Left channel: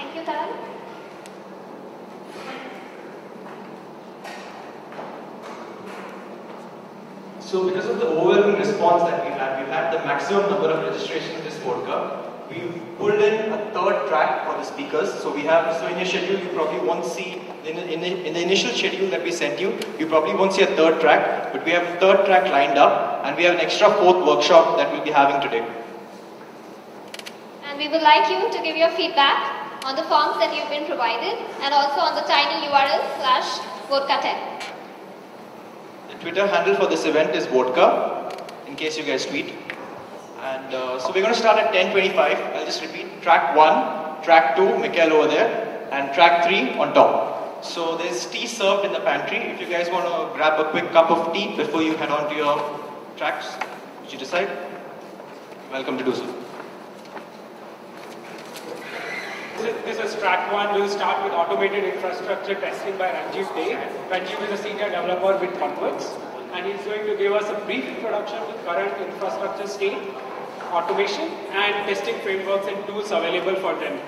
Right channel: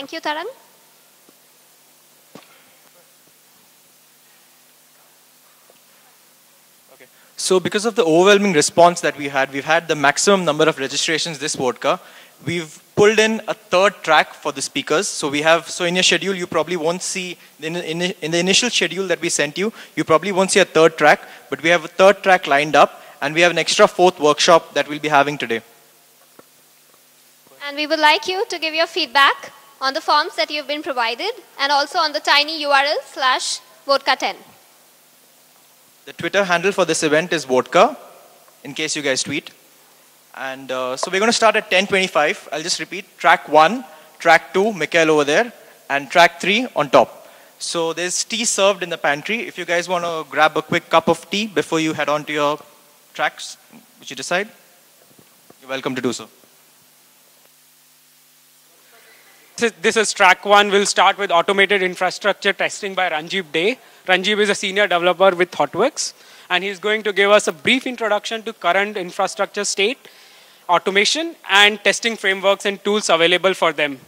Thank you, Taran. So because of the overwhelming response that we've had the maximum number of registrations this vodka. We've pulled in a third track for the speakers. So in your schedule, you probably won't see, in the initial schedule that we sent you, you probably won't see a third track, but we have a third track lined up, and we have an extra fourth workshop that we'll be having today. And we would like you to give your feedback on the forms that you've been provided, and also on the tiny URL /vodka10. The Twitter handle for this event is vodka, in case you guys tweet. And so we're going to start at 10:25. I'll just repeat. Track 1, track 2, Mikhail over there, and track 3 on top. So there's tea served in the pantry. If you guys want to grab a quick cup of tea before you head on to your tracks, which you decide, you're welcome to do so. This is track 1. We'll start with automated infrastructure testing by Rajib Dey. Rajib is a senior developer with ThoughtWorks, and he's going to give us a brief introduction to current infrastructure state, automation, and testing frameworks and tools available for them.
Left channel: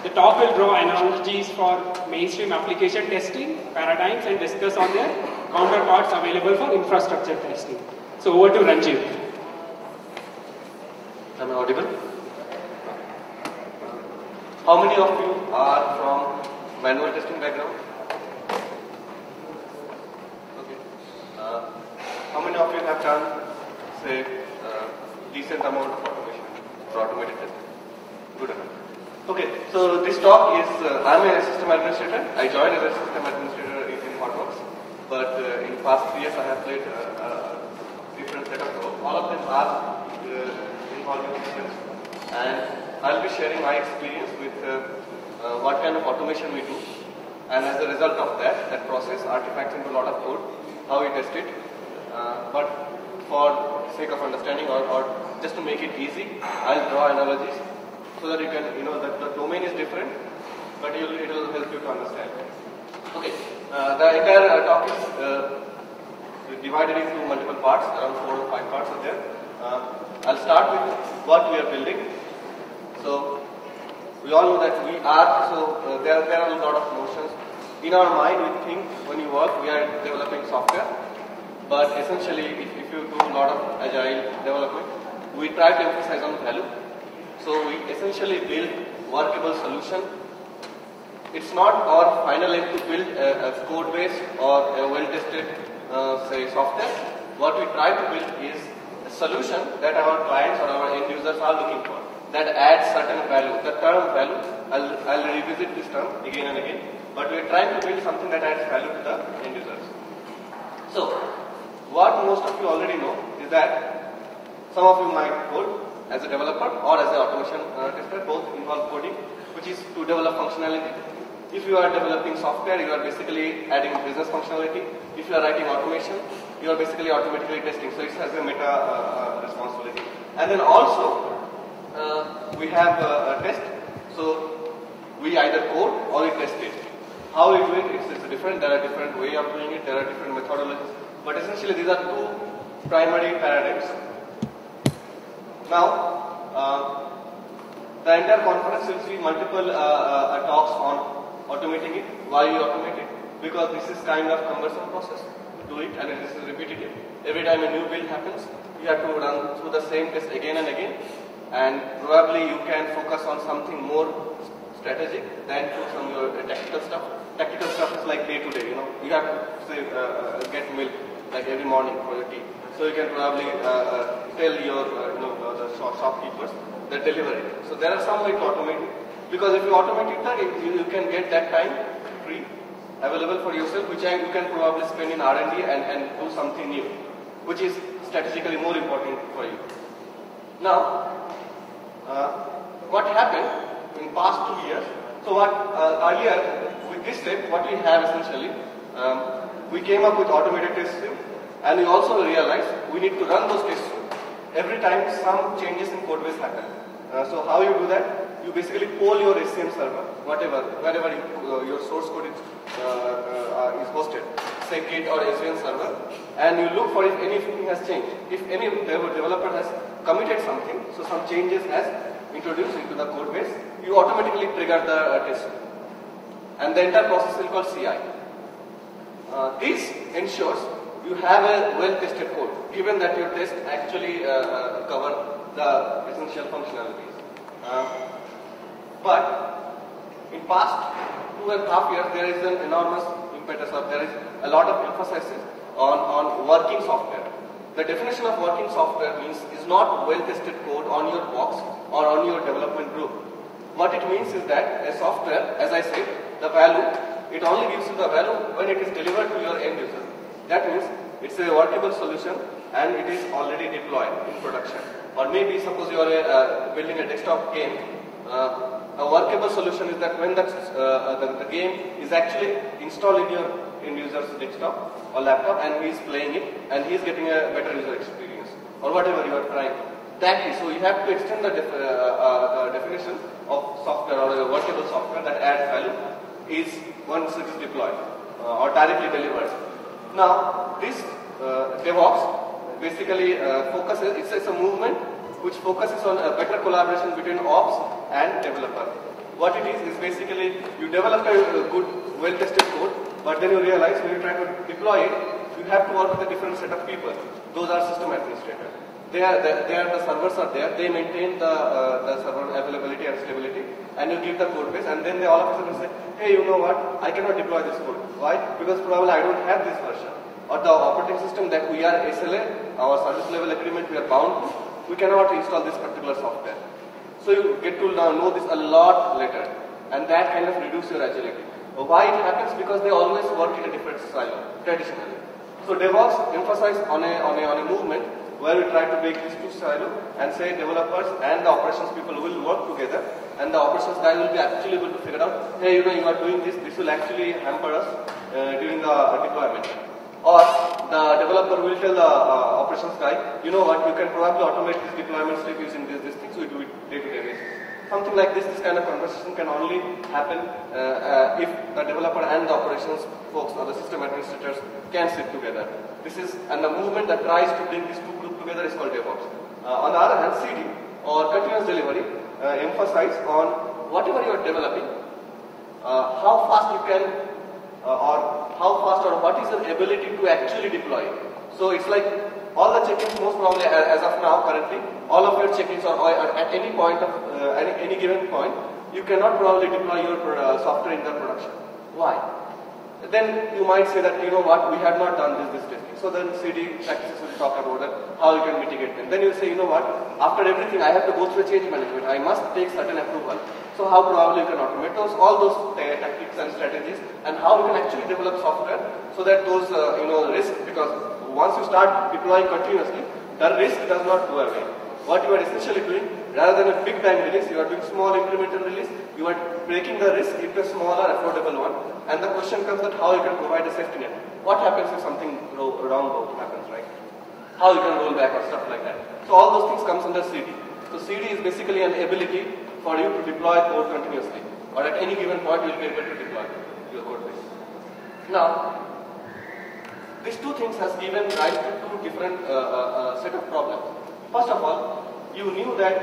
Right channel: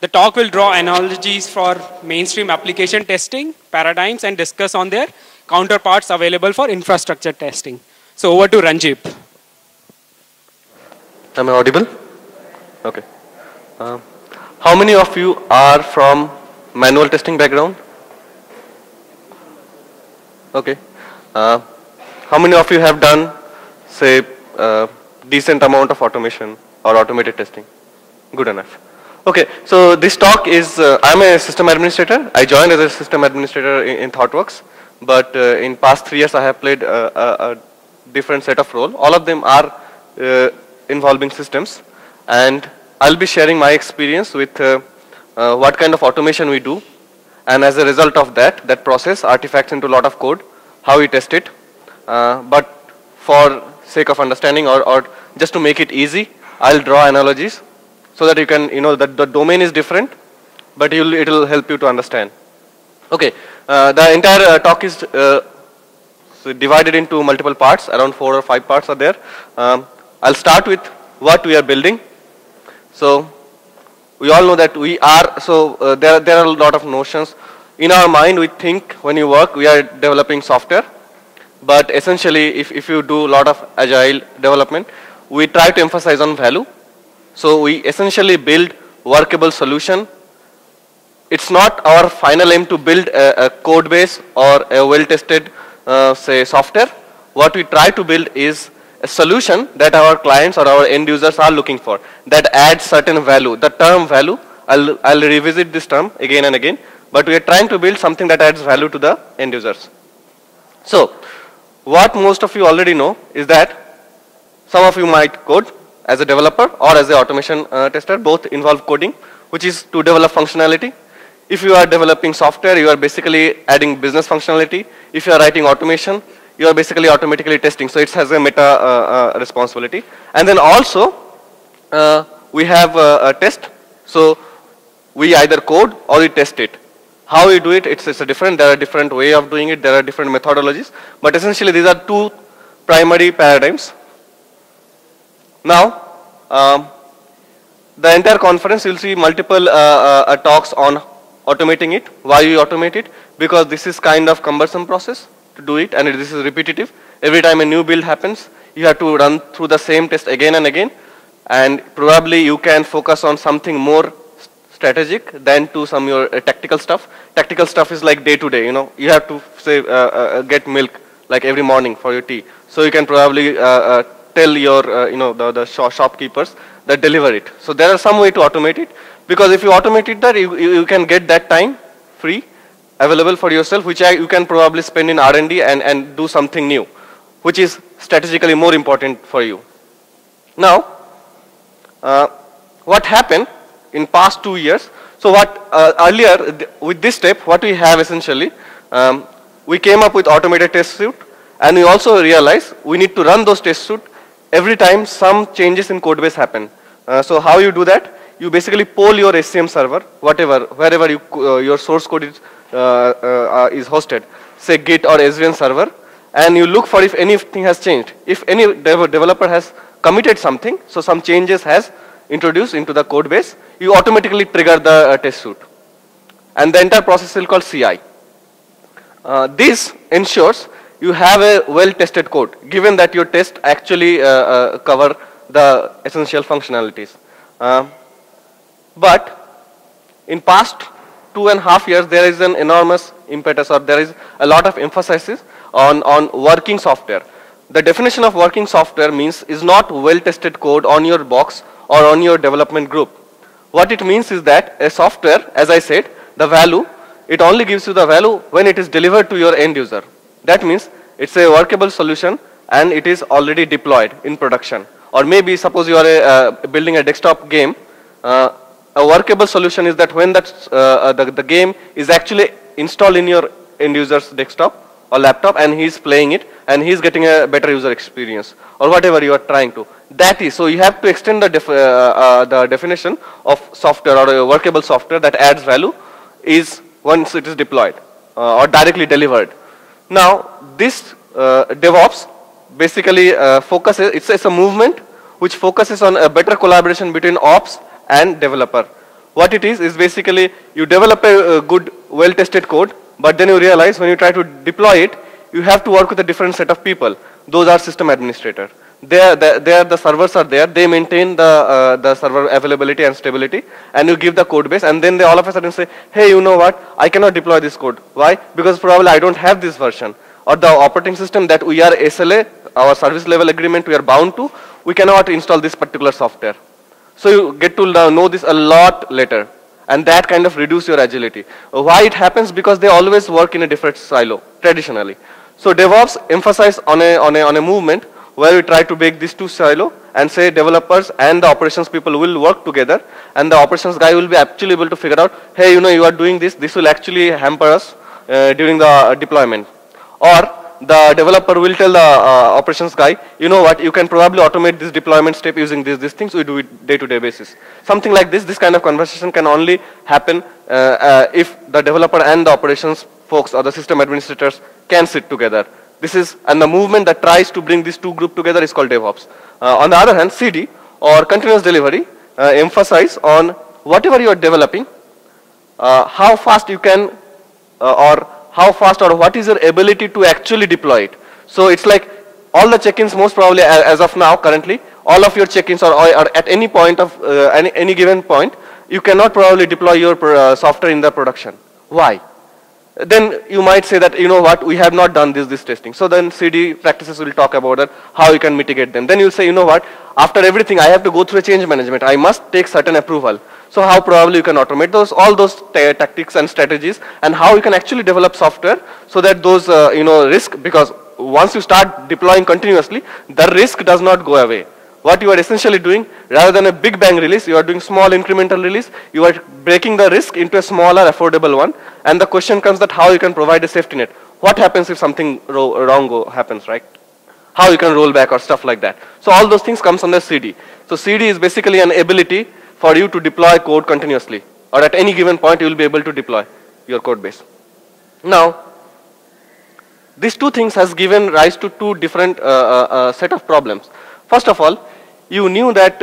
The talk will draw analogies for mainstream application testing, paradigms, and discuss on their counterparts available for infrastructure testing. So over to Rajib. Am I audible? Okay. How many of you are from manual testing background? Okay. How many of you have done, say, decent amount of automation or automated testing? Good enough. Okay, so this talk is, I'm a system administrator. I joined as a system administrator in ThoughtWorks, but in past 3 years I have played a different set of role. All of them are involving systems, and I'll be sharing my experience with what kind of automation we do, and as a result of that process artifacts into a lot of code, how we test it. But for sake of understanding or just to make it easy, I'll draw analogies so that you can, that the domain is different, but it will help you to understand. Okay, the entire talk is divided into multiple parts, around 4 or 5 parts are there. I'll start with what we are building. So we all know that we are, there are a lot of notions. In our mind, we think when you work, we are developing software. But essentially, if you do a lot of agile development, we try to emphasize on value. So we essentially build workable solution. It's not our final aim to build a code base or a well-tested, say, software. What we try to build is a solution that our clients or our end users are looking for, that adds certain value. The term value, I'll revisit this term again and again, but we are trying to build something that adds value to the end users. So, what most of you already know is that some of you might code as a developer or as an automation tester. Both involve coding, which is to develop functionality. If you are developing software, you are basically adding business functionality. If you are writing automation, you are basically automatically testing. So it has a meta responsibility. And then also, we have a test. So we either code or we test it. How we do it, it's a different, there are different way of doing it, there are different methodologies, but essentially these are 2 primary paradigms. Now, the entire conference you'll see multiple talks on automating it. Why you automate it? Because this is kind of cumbersome process to do it, and this is repetitive. Every time a new build happens, you have to run through the same test again and again, and probably you can focus on something more strategic than to some your tactical stuff. Tactical stuff is like day to day, you have to say get milk like every morning for your tea. So you can probably tell your the shopkeepers that deliver it. So there are some way to automate it, because if you automate it there, you can get that time free available for yourself, which you can probably spend in R&D and do something new, which is strategically more important for you. Now, what happened in past 2 years? So what earlier with this step, what we have essentially, we came up with automated test suite, and we also realized we need to run those test suite every time some changes in code base happen. So how you do that? You basically poll your SCM server, wherever your source code is hosted, say Git or SVN server, and you look for if anything has changed. If any developer has committed something, so some changes has introduced into the code base, you automatically trigger the test suite. And the entire process is called CI. This ensures you have a well-tested code, given that your tests actually cover the essential functionalities. But in past 2.5 years, there is an enormous impetus, or there is a lot of emphasis on working software. The definition of working software means is not well-tested code on your box or on your development group. What it means is that a software, as I said, the value, it only gives you the value when it is delivered to your end user. That means it's a workable solution and it is already deployed in production. Or maybe suppose you are building a desktop game, a workable solution is that when the game is actually installed in your end user's desktop or laptop and he is playing it and he is getting a better user experience or whatever you are trying to. That is, so you have to extend the definition of software or a workable software that adds value is once it is deployed or directly delivered. Now this DevOps basically focuses, it's a movement which focuses on a better collaboration between ops and developer. What it is basically you develop a good well-tested code, but then you realize when you try to deploy it, you have to work with a different set of people. Those are system administrators. The servers are there, they maintain the server availability and stability, and you give the code base, and then they all of a sudden say, hey, you know what, I cannot deploy this code. Why? Because probably I don't have this version. Or the operating system that we are SLA, our service level agreement, we are bound to, we cannot install this particular software. So you get to know this a lot later, and that kind of reduce your agility. Why it happens? Because they always work in a different silo, traditionally. So DevOps emphasize on a movement where we try to break these two silos and say developers and the operations people will work together, and the operations guy will be actually able to figure out, hey, you know, you are doing this, this will actually hamper us during the deployment. Or the developer will tell the operations guy, you know what, you can probably automate this deployment step using these things, we do it day-to-day basis. Something like this kind of conversation can only happen if the developer and the operations folks or the system administrators can sit together. This is, and the movement that tries to bring these two groups together is called DevOps. On the other hand, CD or continuous delivery emphasize on whatever you are developing, how fast you can or what is your ability to actually deploy it. So it's like all the check-ins, most probably as of now currently, all of your check-ins are at any point of any given point, you cannot probably deploy your software in the production. Why? Then you might say that, you know what, we have not done this testing. So then CD practices will talk about that, how you can mitigate them. Then you say, you know what, after everything I have to go through a change management. I must take certain approval. So how probably you can automate all those tactics and strategies, and how you can actually develop software so that those risk, because once you start deploying continuously, the risk does not go away. What you are essentially doing, rather than a big bang release, you are doing small incremental release. You are breaking the risk into a smaller, affordable one. And the question comes that how you can provide a safety net. What happens if something wrong happens, right? How you can roll back or stuff like that. So all those things comes under CD. So CD is basically an ability for you to deploy code continuously. Or at any given point, you will be able to deploy your code base. Now, these two things has given rise to two different set of problems. First of all, you knew that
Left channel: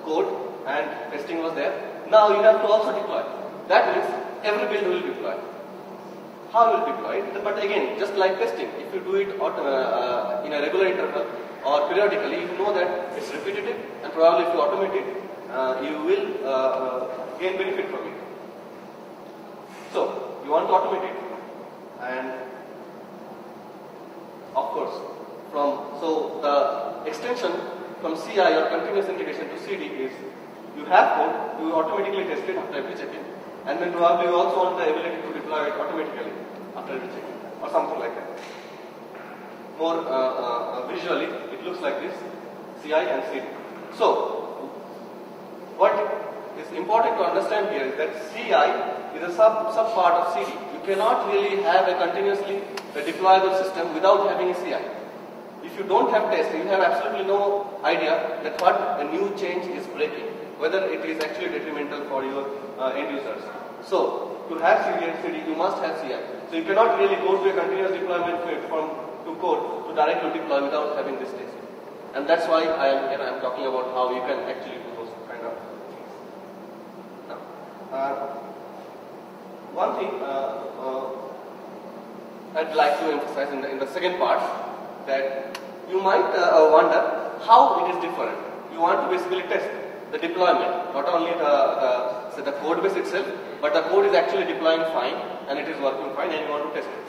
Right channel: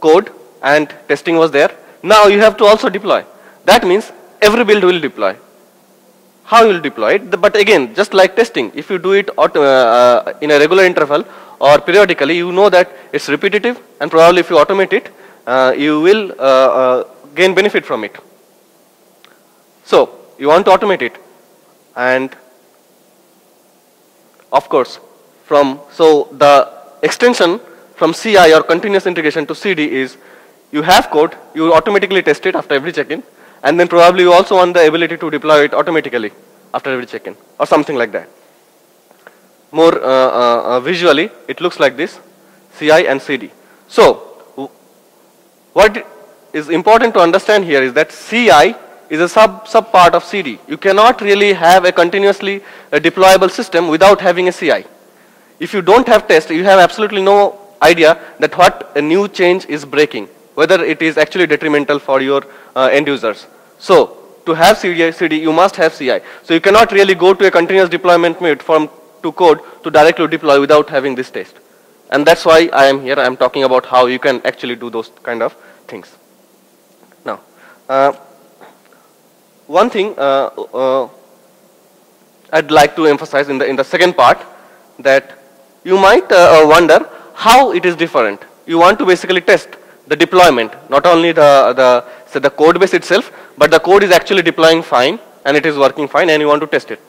code and testing was there. Now you have to also deploy. That means every build will deploy. How you will deploy it? But again, just like testing, if you do it in a regular interval or periodically, you know that it's repetitive, and probably if you automate it, you will gain benefit from it. So you want to automate it, and of course, so the extension from CI or continuous integration to CD is you have code, you automatically test it after every check-in, and then probably you also want the ability to deploy it automatically after every check-in or something like that. More visually, it looks like this, CI and CD. So what is important to understand here is that CI is a sub part of CD. You cannot really have a continuously deployable system without having a CI. If you don't have test, you have absolutely no idea that what a new change is breaking, whether it is actually detrimental for your end users. So to have CD, you must have CI. So you cannot really go to a continuous deployment mode to code to directly deploy without having this test. And that's why I am here. I am talking about how you can actually do those kind of things. Now, one thing I'd like to emphasize in the second part, that you might wonder how it is different. You want to basically test the deployment, not only the code base itself, but the code is actually deploying fine and it is working fine, and you want to test it.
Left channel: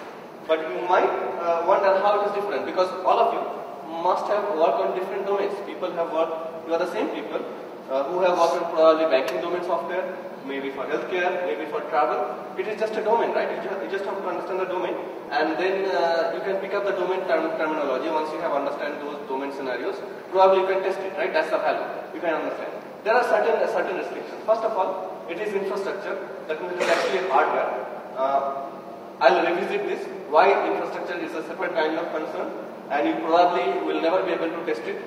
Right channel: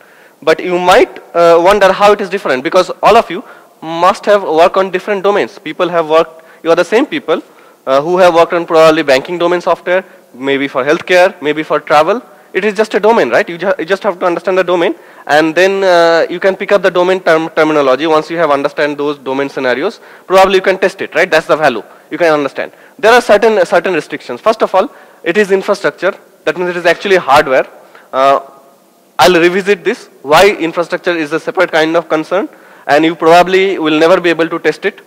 But you might wonder how it is different, because all of you must have worked on different domains. People have worked, you are the same people who have worked on probably banking domain software, maybe for healthcare, maybe for travel. It is just a domain, right? You just have to understand the domain, and then you can pick up the domain terminology. Once you have understand those domain scenarios, probably you can test it, right? That's the value. You can understand. There are certain restrictions. First of all, it is infrastructure. That means it is actually hardware. I'll revisit this, why infrastructure is a separate kind of concern, and you probably will never be able to test it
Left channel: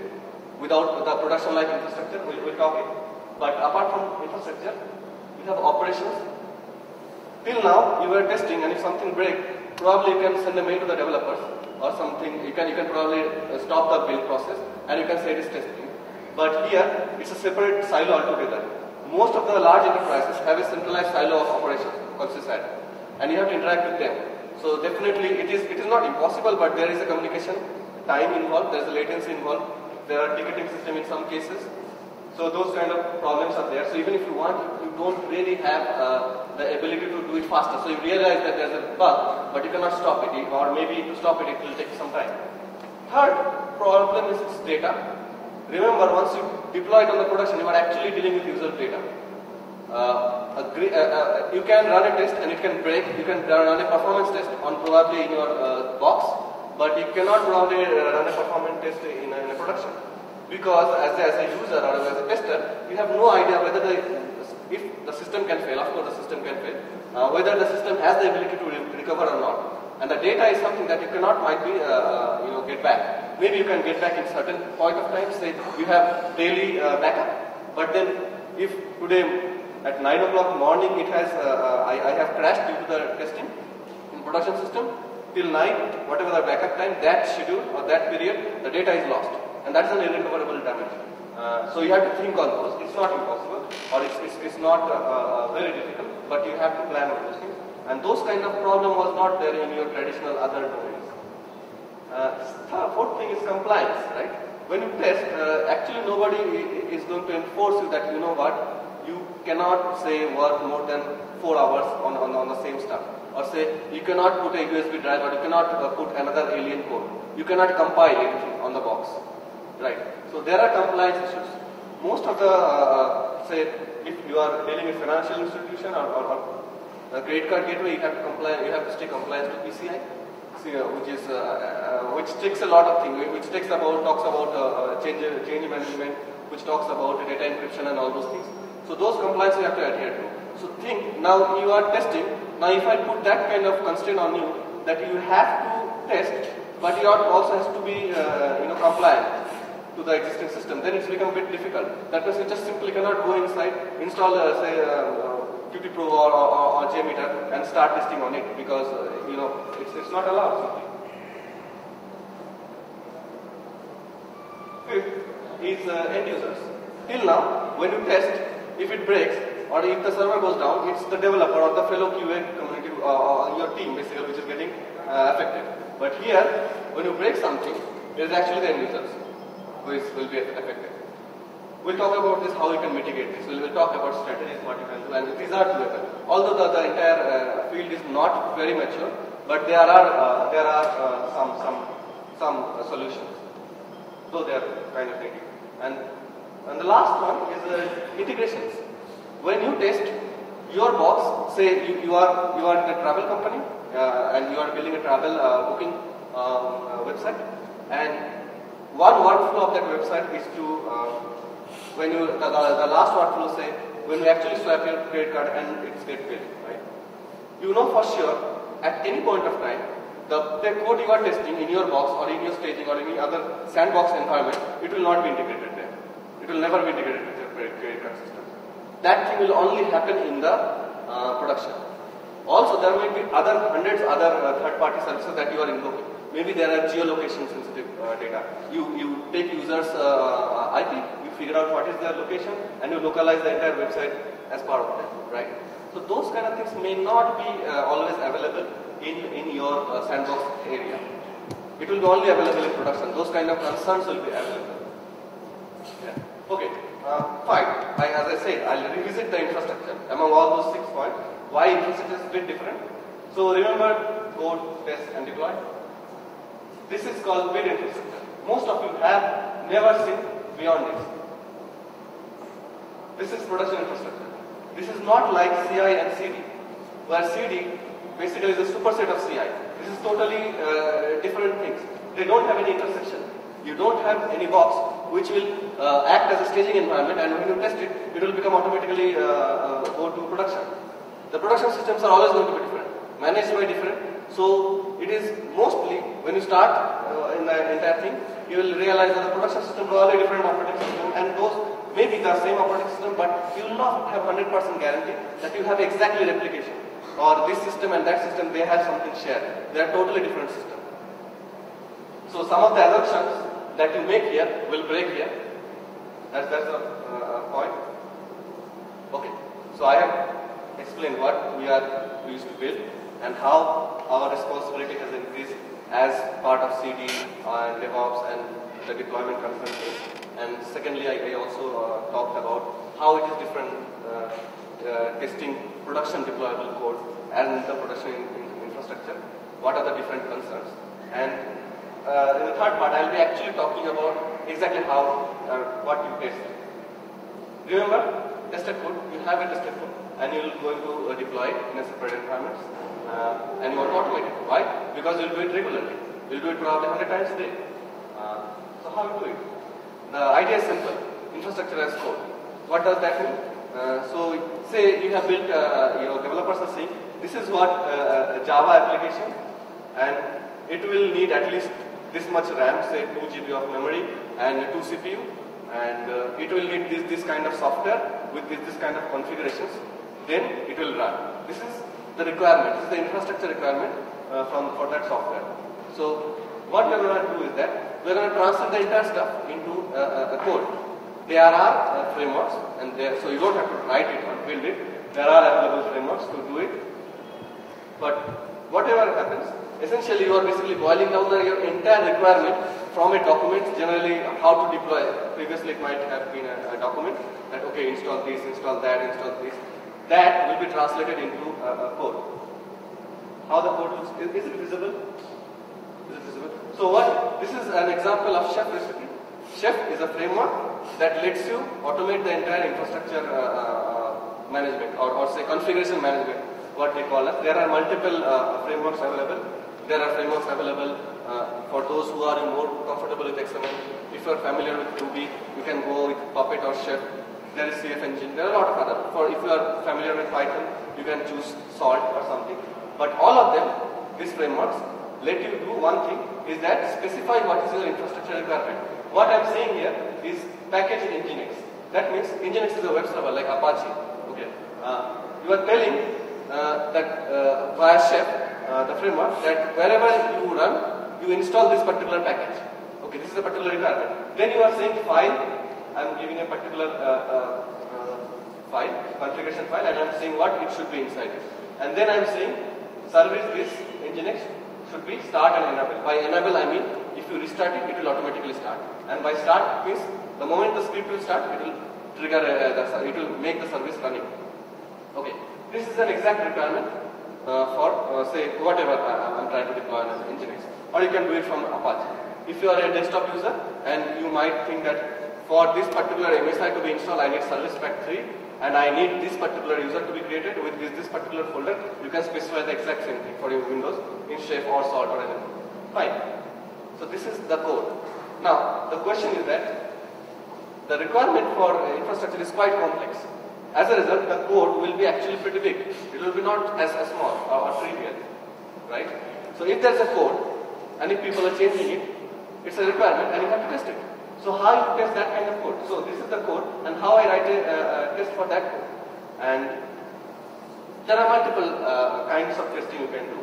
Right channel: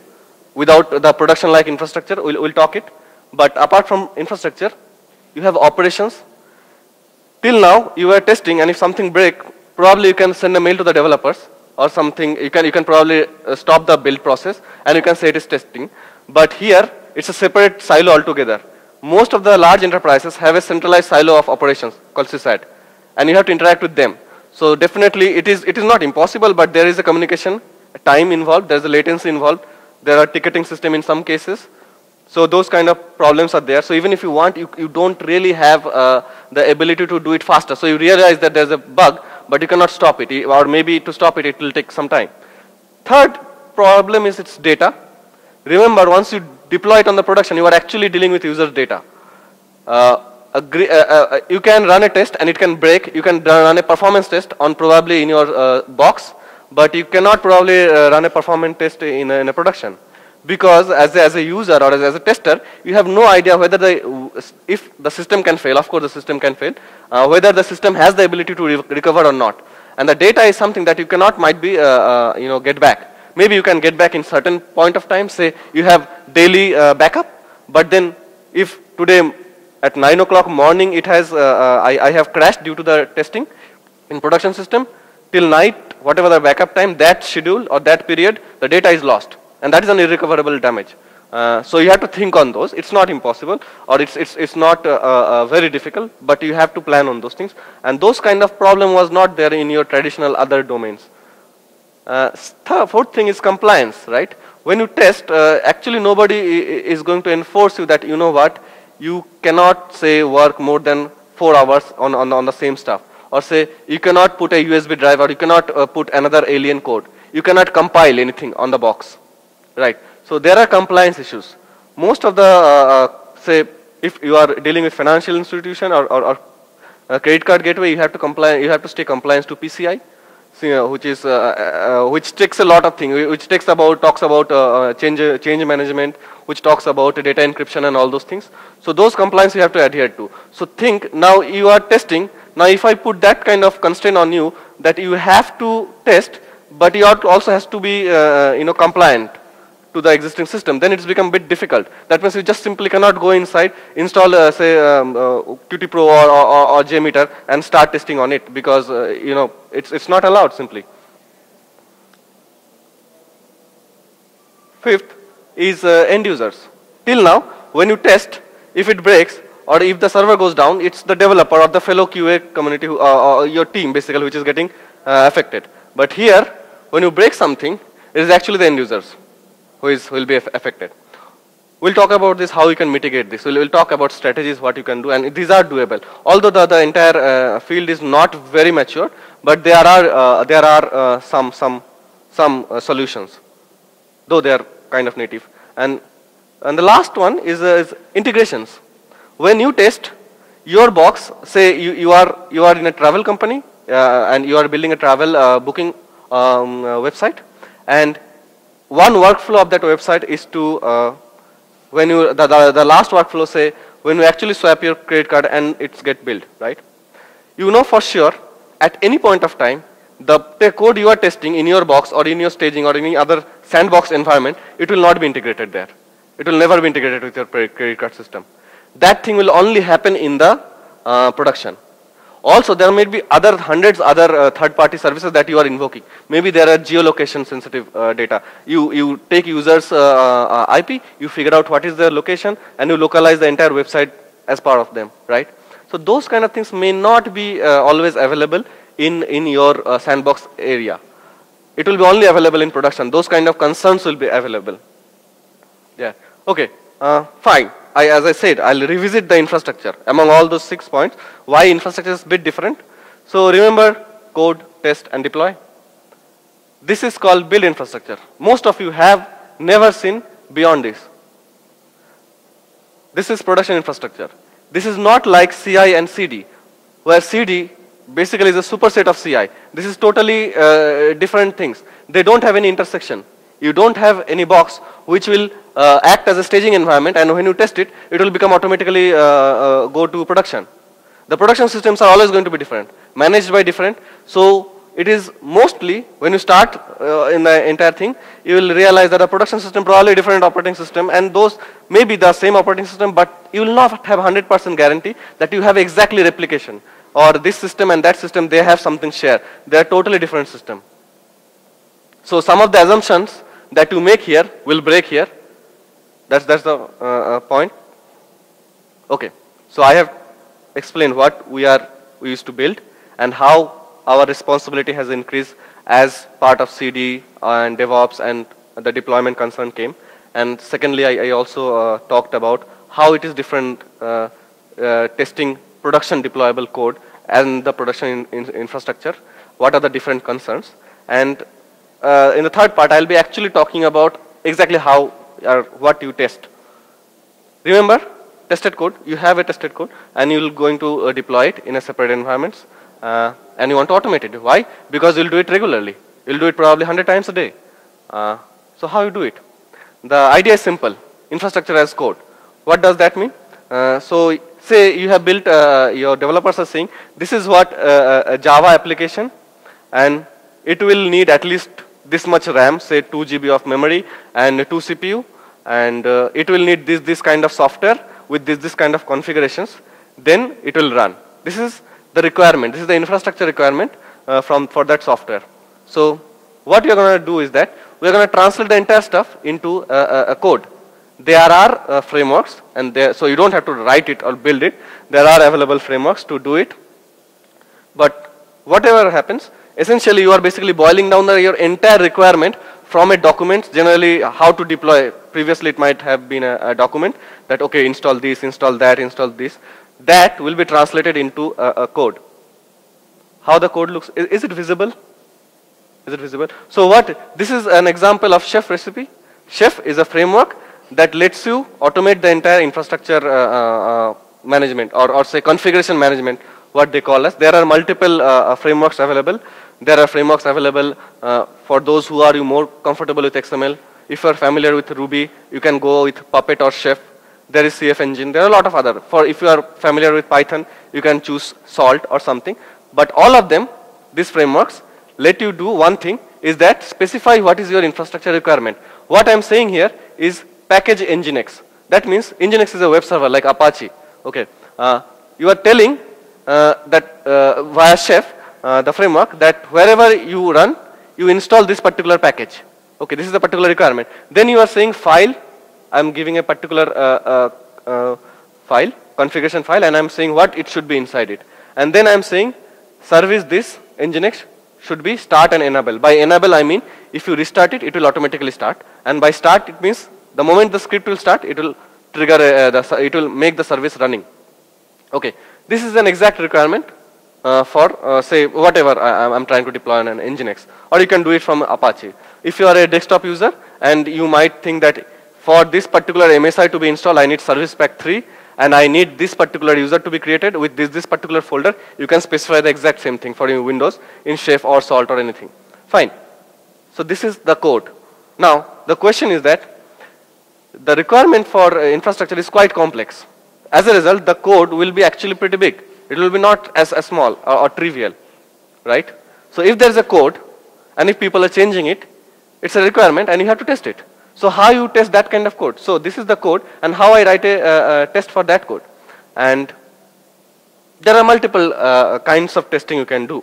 without the production like infrastructure. We'll talk it. But apart from infrastructure, you have operations. Till now, you are testing, and if something breaks, probably you can send a mail to the developers or something. You can probably stop the build process, and you can say it is testing. But here, it's a separate silo altogether. Most of the large enterprises have a centralized silo of operations called SysAd, and you have to interact with them. So definitely, it is not impossible, but there is a communication time involved. There is a latency involved. There are ticketing system in some cases. So those kind of problems are there. So even if you want, you don't really have the ability to do it faster. So you realize that there's a bug, but you cannot stop it, or maybe to stop it, it will take some time. Third problem is its data. Remember, once you deploy it on the production, you are actually dealing with user data. You can run a test and it can break. You can run a performance test on probably in your box, but you cannot probably run a performance test in a production. Because as a user or as a tester, you have no idea whether if the system can fail. Of course, the system can fail. Whether the system has the ability to recover or not. And the data is something that you cannot might be get back. Maybe you can get back in certain point of time. Say you have daily backup, but then if today at 9 o'clock morning it has I have crashed due to the testing in production system, till night whatever the backup time, that schedule or that period, the data is lost. And that is an irrecoverable damage. So you have to think on those. It's not impossible, or it's not very difficult, but you have to plan on those things. And those kind of problem was not there in your traditional other domains. Fourth thing is compliance, right? When you test, actually nobody is going to enforce you that, you know what, you cannot say work more than 4 hours on the same stuff. Or say you cannot put a USB drive, or you cannot put another alien code. You cannot compile anything on the box. Right. So there are compliance issues. Most of the, say, if you are dealing with financial institution or credit card gateway, you have to comply. You have to stay compliant to PCI, which takes a lot of things. Which talks about change management, which talks about data encryption and all those things. So those compliance you have to adhere to. So think now you are testing. Now if I put that kind of constraint on you that you have to test, but you also has to be compliant to the existing system, then it's become a bit difficult. That means you just simply cannot go inside, install say Qt Pro or JMeter and start testing on it, because it's not allowed simply. Fifth is end users. Till now, when you test, if it breaks or if the server goes down, it's the developer or the fellow QA community or your team basically which is getting affected. But here, when you break something, it is actually the end users who will be affected. We'll talk about this, how you can mitigate this. We'll talk about strategies, what you can do, and these are doable. Although the entire field is not very mature, but there are some solutions, though they are kind of native. And the last one is integrations. When you test your box, say you are in a travel company and you are building a travel booking website, and one workflow of that website is to when you the last workflow, say when you actually swap your credit card and it's get billed, right? You know for sure at any point of time the code you are testing in your box or in your staging or any other sandbox environment, it will not be integrated there. It will never be integrated with your credit card system. That thing will only happen in the production. Also, there may be other hundreds other third-party services that you are invoking. Maybe there are geolocation sensitive data. You take users IP, you figure out what is their location, and you localize the entire website as part of them, right? So those kind of things may not be always available in your sandbox area. It will be only available in production. Those kind of concerns will be available. Yeah. Okay. Fine. As I said, I'll revisit the infrastructure. Among all those 6 points, why infrastructure is a bit different. So remember code, test, and deploy. This is called build infrastructure. Most of you have never seen beyond this. This is production infrastructure. This is not like CI and CD, where CD basically is a superset of CI. This is totally different things. They don't have any intersection. You don't have any box which will act as a staging environment, and when you test it, it will become automatically go to production. The production systems are always going to be different, managed by different. So it is mostly, when you start in the entire thing, you will realize that a production system probably different operating system, and those may be the same operating system, but you will not have 100% guarantee that you have exactly replication, or this system and that system, they have something shared. They are totally different system. So some of the assumptions that you make here will break here. That's the point. Okay. So I have explained what we used to build and how our responsibility has increased as part of CD and DevOps and the deployment concern came. And secondly, I also talked about how it is different testing production deployable code and the production infrastructure. What are the different concerns? And in the third part, I'll be actually talking about exactly how or what you test. Remember, tested code, you have a tested code and you're going to deploy it in a separate environment and you want to automate it. Why? Because you'll do it regularly. You'll do it probably 100 times a day. So how you do it? The idea is simple, infrastructure as code. What does that mean? So say you have built, your developers are saying, this is what a Java application, and it will need at least this much RAM, say 2 GB of memory and 2 CPU, and it will need this kind of software with this kind of configurations, then it will run. This is the requirement, this is the infrastructure requirement for that software. So what we are going to do is that we are going to translate the entire stuff into a code. There are frameworks, and so you don't have to write it or build it. There are available frameworks to do it. But whatever happens, essentially you are basically boiling down your entire requirement from a document, generally how to deploy. Previously it might have been a document that, okay, install this, install that, install this. That will be translated into a code. How the code looks, is it visible? Is it visible? So this is an example of Chef recipe. Chef is a framework that lets you automate the entire infrastructure management or say configuration management, what they call us. There are multiple frameworks available. There are frameworks available for those who are more comfortable with XML. If you are familiar with Ruby, you can go with Puppet or Chef. There is CF engine. There are a lot of other. If you are familiar with Python, you can choose Salt or something. But all of them, these frameworks, let you do one thing, is that specify what is your infrastructure requirement. What I am saying here is package Nginx. That means Nginx is a web server like Apache. Okay. You are telling that via Chef, the framework, that wherever you run, you install this particular package. Okay, this is the particular requirement. Then you are saying file, I'm giving a particular file, configuration file, and I'm saying what it should be inside it. And then I'm saying service this Nginx should be start and enable. By enable I mean if you restart it, it will automatically start. And by start it means the moment the script will start, it will trigger, it will make the service running. Okay, this is an exact requirement for say whatever I'm trying to deploy on an Nginx, or you can do it from Apache. If you are a desktop user and you might think that for this particular MSI to be installed, I need service pack 3 and I need this particular user to be created with this particular folder, you can specify the exact same thing for your Windows in Chef or Salt or anything. Fine. So this is the code. Now the question is that the requirement for infrastructure is quite complex. As a result, the code will be actually pretty big. It will be not as small or trivial, right? So if there's a code and if people are changing it, it's a requirement and you have to test it. So how you test that kind of code? So this is the code and how I write a test for that code. And There are multiple kinds of testing you can do.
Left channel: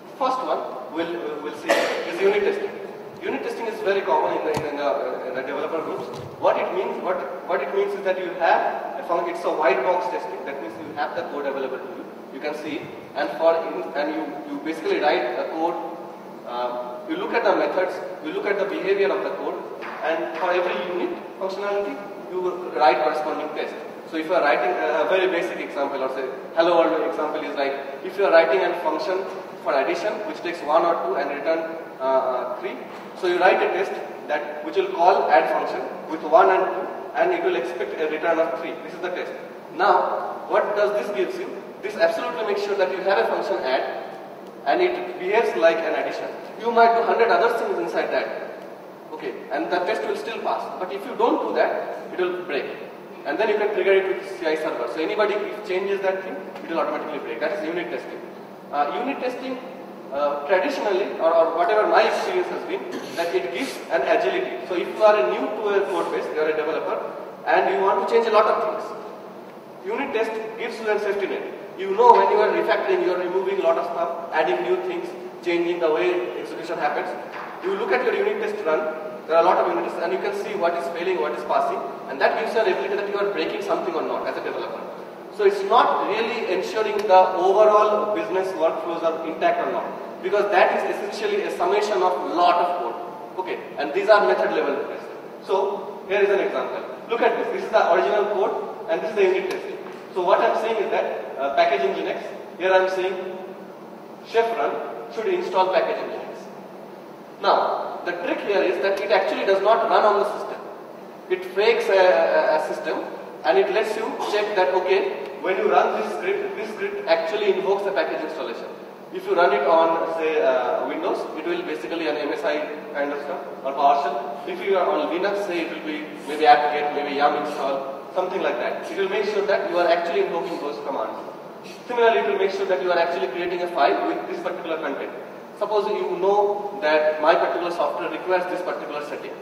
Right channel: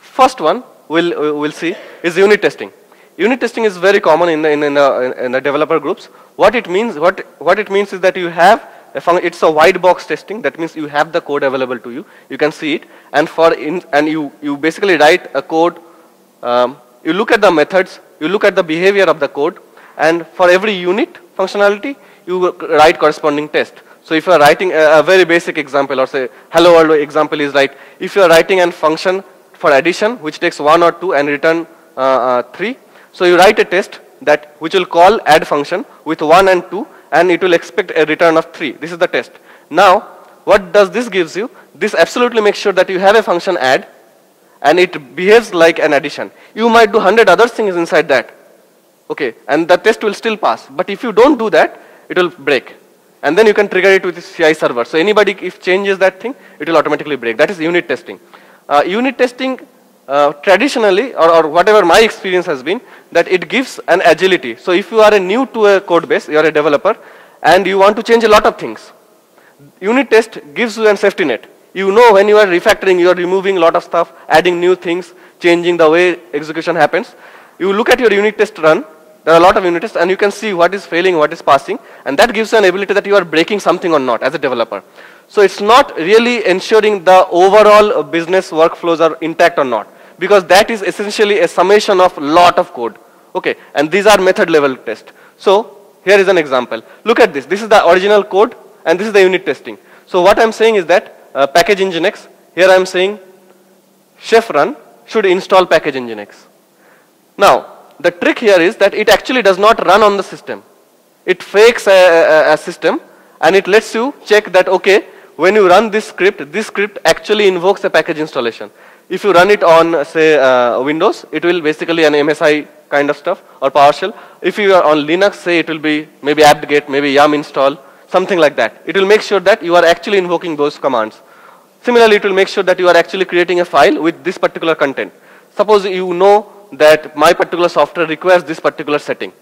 First one we'll see is unit testing. Unit testing is very common in the developer groups. What it means is that you have it's a white box testing. That means you have the code available to you. You can see it, and you basically write a code. You look at the methods, you look at the behavior of the code, and for every unit functionality, you write corresponding test. So if you are writing a very basic example, or say hello world example is like, if you are writing a function for addition which takes 1 or 2 and return 3, so you write a test which will call add function with 1 and 2, and it will expect a return of 3. This is the test. Now, what does this gives you? This absolutely makes sure that you have a function add, and it behaves like an addition. You might do 100 other things inside that, okay, and the test will still pass. But if you don't do that, it will break. And then you can trigger it with the CI server. So anybody, if changes that thing, it will automatically break. That is unit testing. Unit testing, traditionally, or whatever my experience has been, that it gives an agility. So if you are new to a code base, you are a developer, and you want to change a lot of things, unit test gives you a safety net. You know when you are refactoring, you are removing a lot of stuff, adding new things, changing the way execution happens. You look at your unit test run, there are a lot of unit tests, and you can see what is failing, what is passing, and that gives you an ability that you are breaking something or not as a developer. So it's not really ensuring the overall business workflows are intact or not, because that is essentially a summation of lot of code. Okay, and these are method level tests. So here is an example. Look at this. This is the original code, and this is the unit testing. So what I'm saying is that package nginx, here I'm saying chef run should install package nginx. Now, the trick here is that it actually does not run on the system. It fakes a system, and it lets you check that, okay, when you run this script actually invokes a package installation. If you run it on, say, Windows, it will basically an MSI kind of stuff, or PowerShell. If you are on Linux, say, it will be maybe apt-get, maybe yum install, something like that. It will make sure that you are actually invoking those commands. Similarly, it will make sure that you are actually creating a file with this particular content. Suppose you know that my particular software requires this particular setting,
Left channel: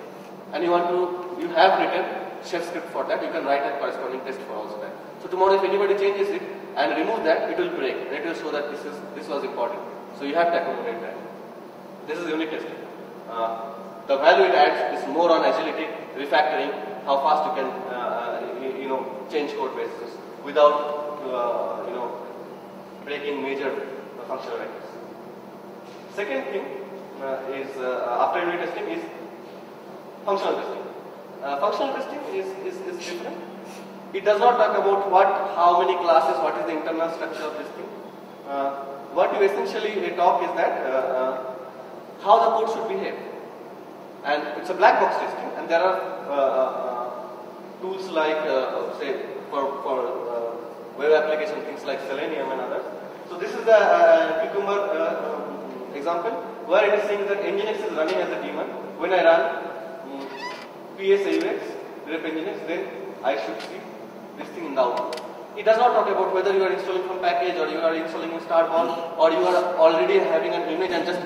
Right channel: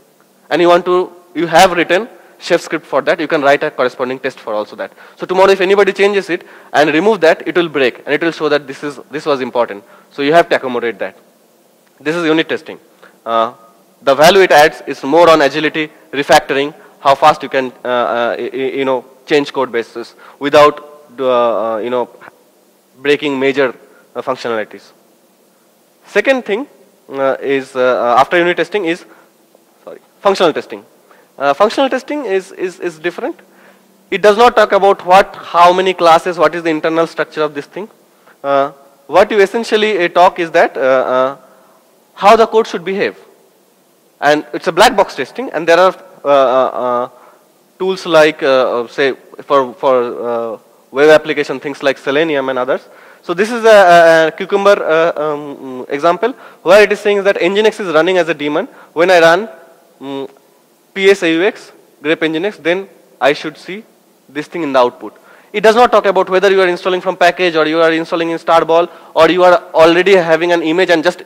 and you have written chef script for that, you can write a corresponding test for also that. So tomorrow if anybody changes it and remove that, it will break, and it will show that this was important. So you have to accommodate that. This is unit testing. The value it adds is more on agility, refactoring, how fast you can change code bases without breaking major functionalities. Second thing is after unit testing is functional testing. Functional testing is different. It does not talk about how many classes, what is the internal structure of this thing. What you essentially talk is that how the code should behave. And it's a black box testing, and there are tools like say for web application, things like Selenium and others. So this is a Cucumber example where it is saying that Nginx is running as a daemon. When I run PSAUX, grep Nginx, then I should see this thing in the output. It does not talk about whether you are installing from package or you are installing in Starball, or you are already having an image and just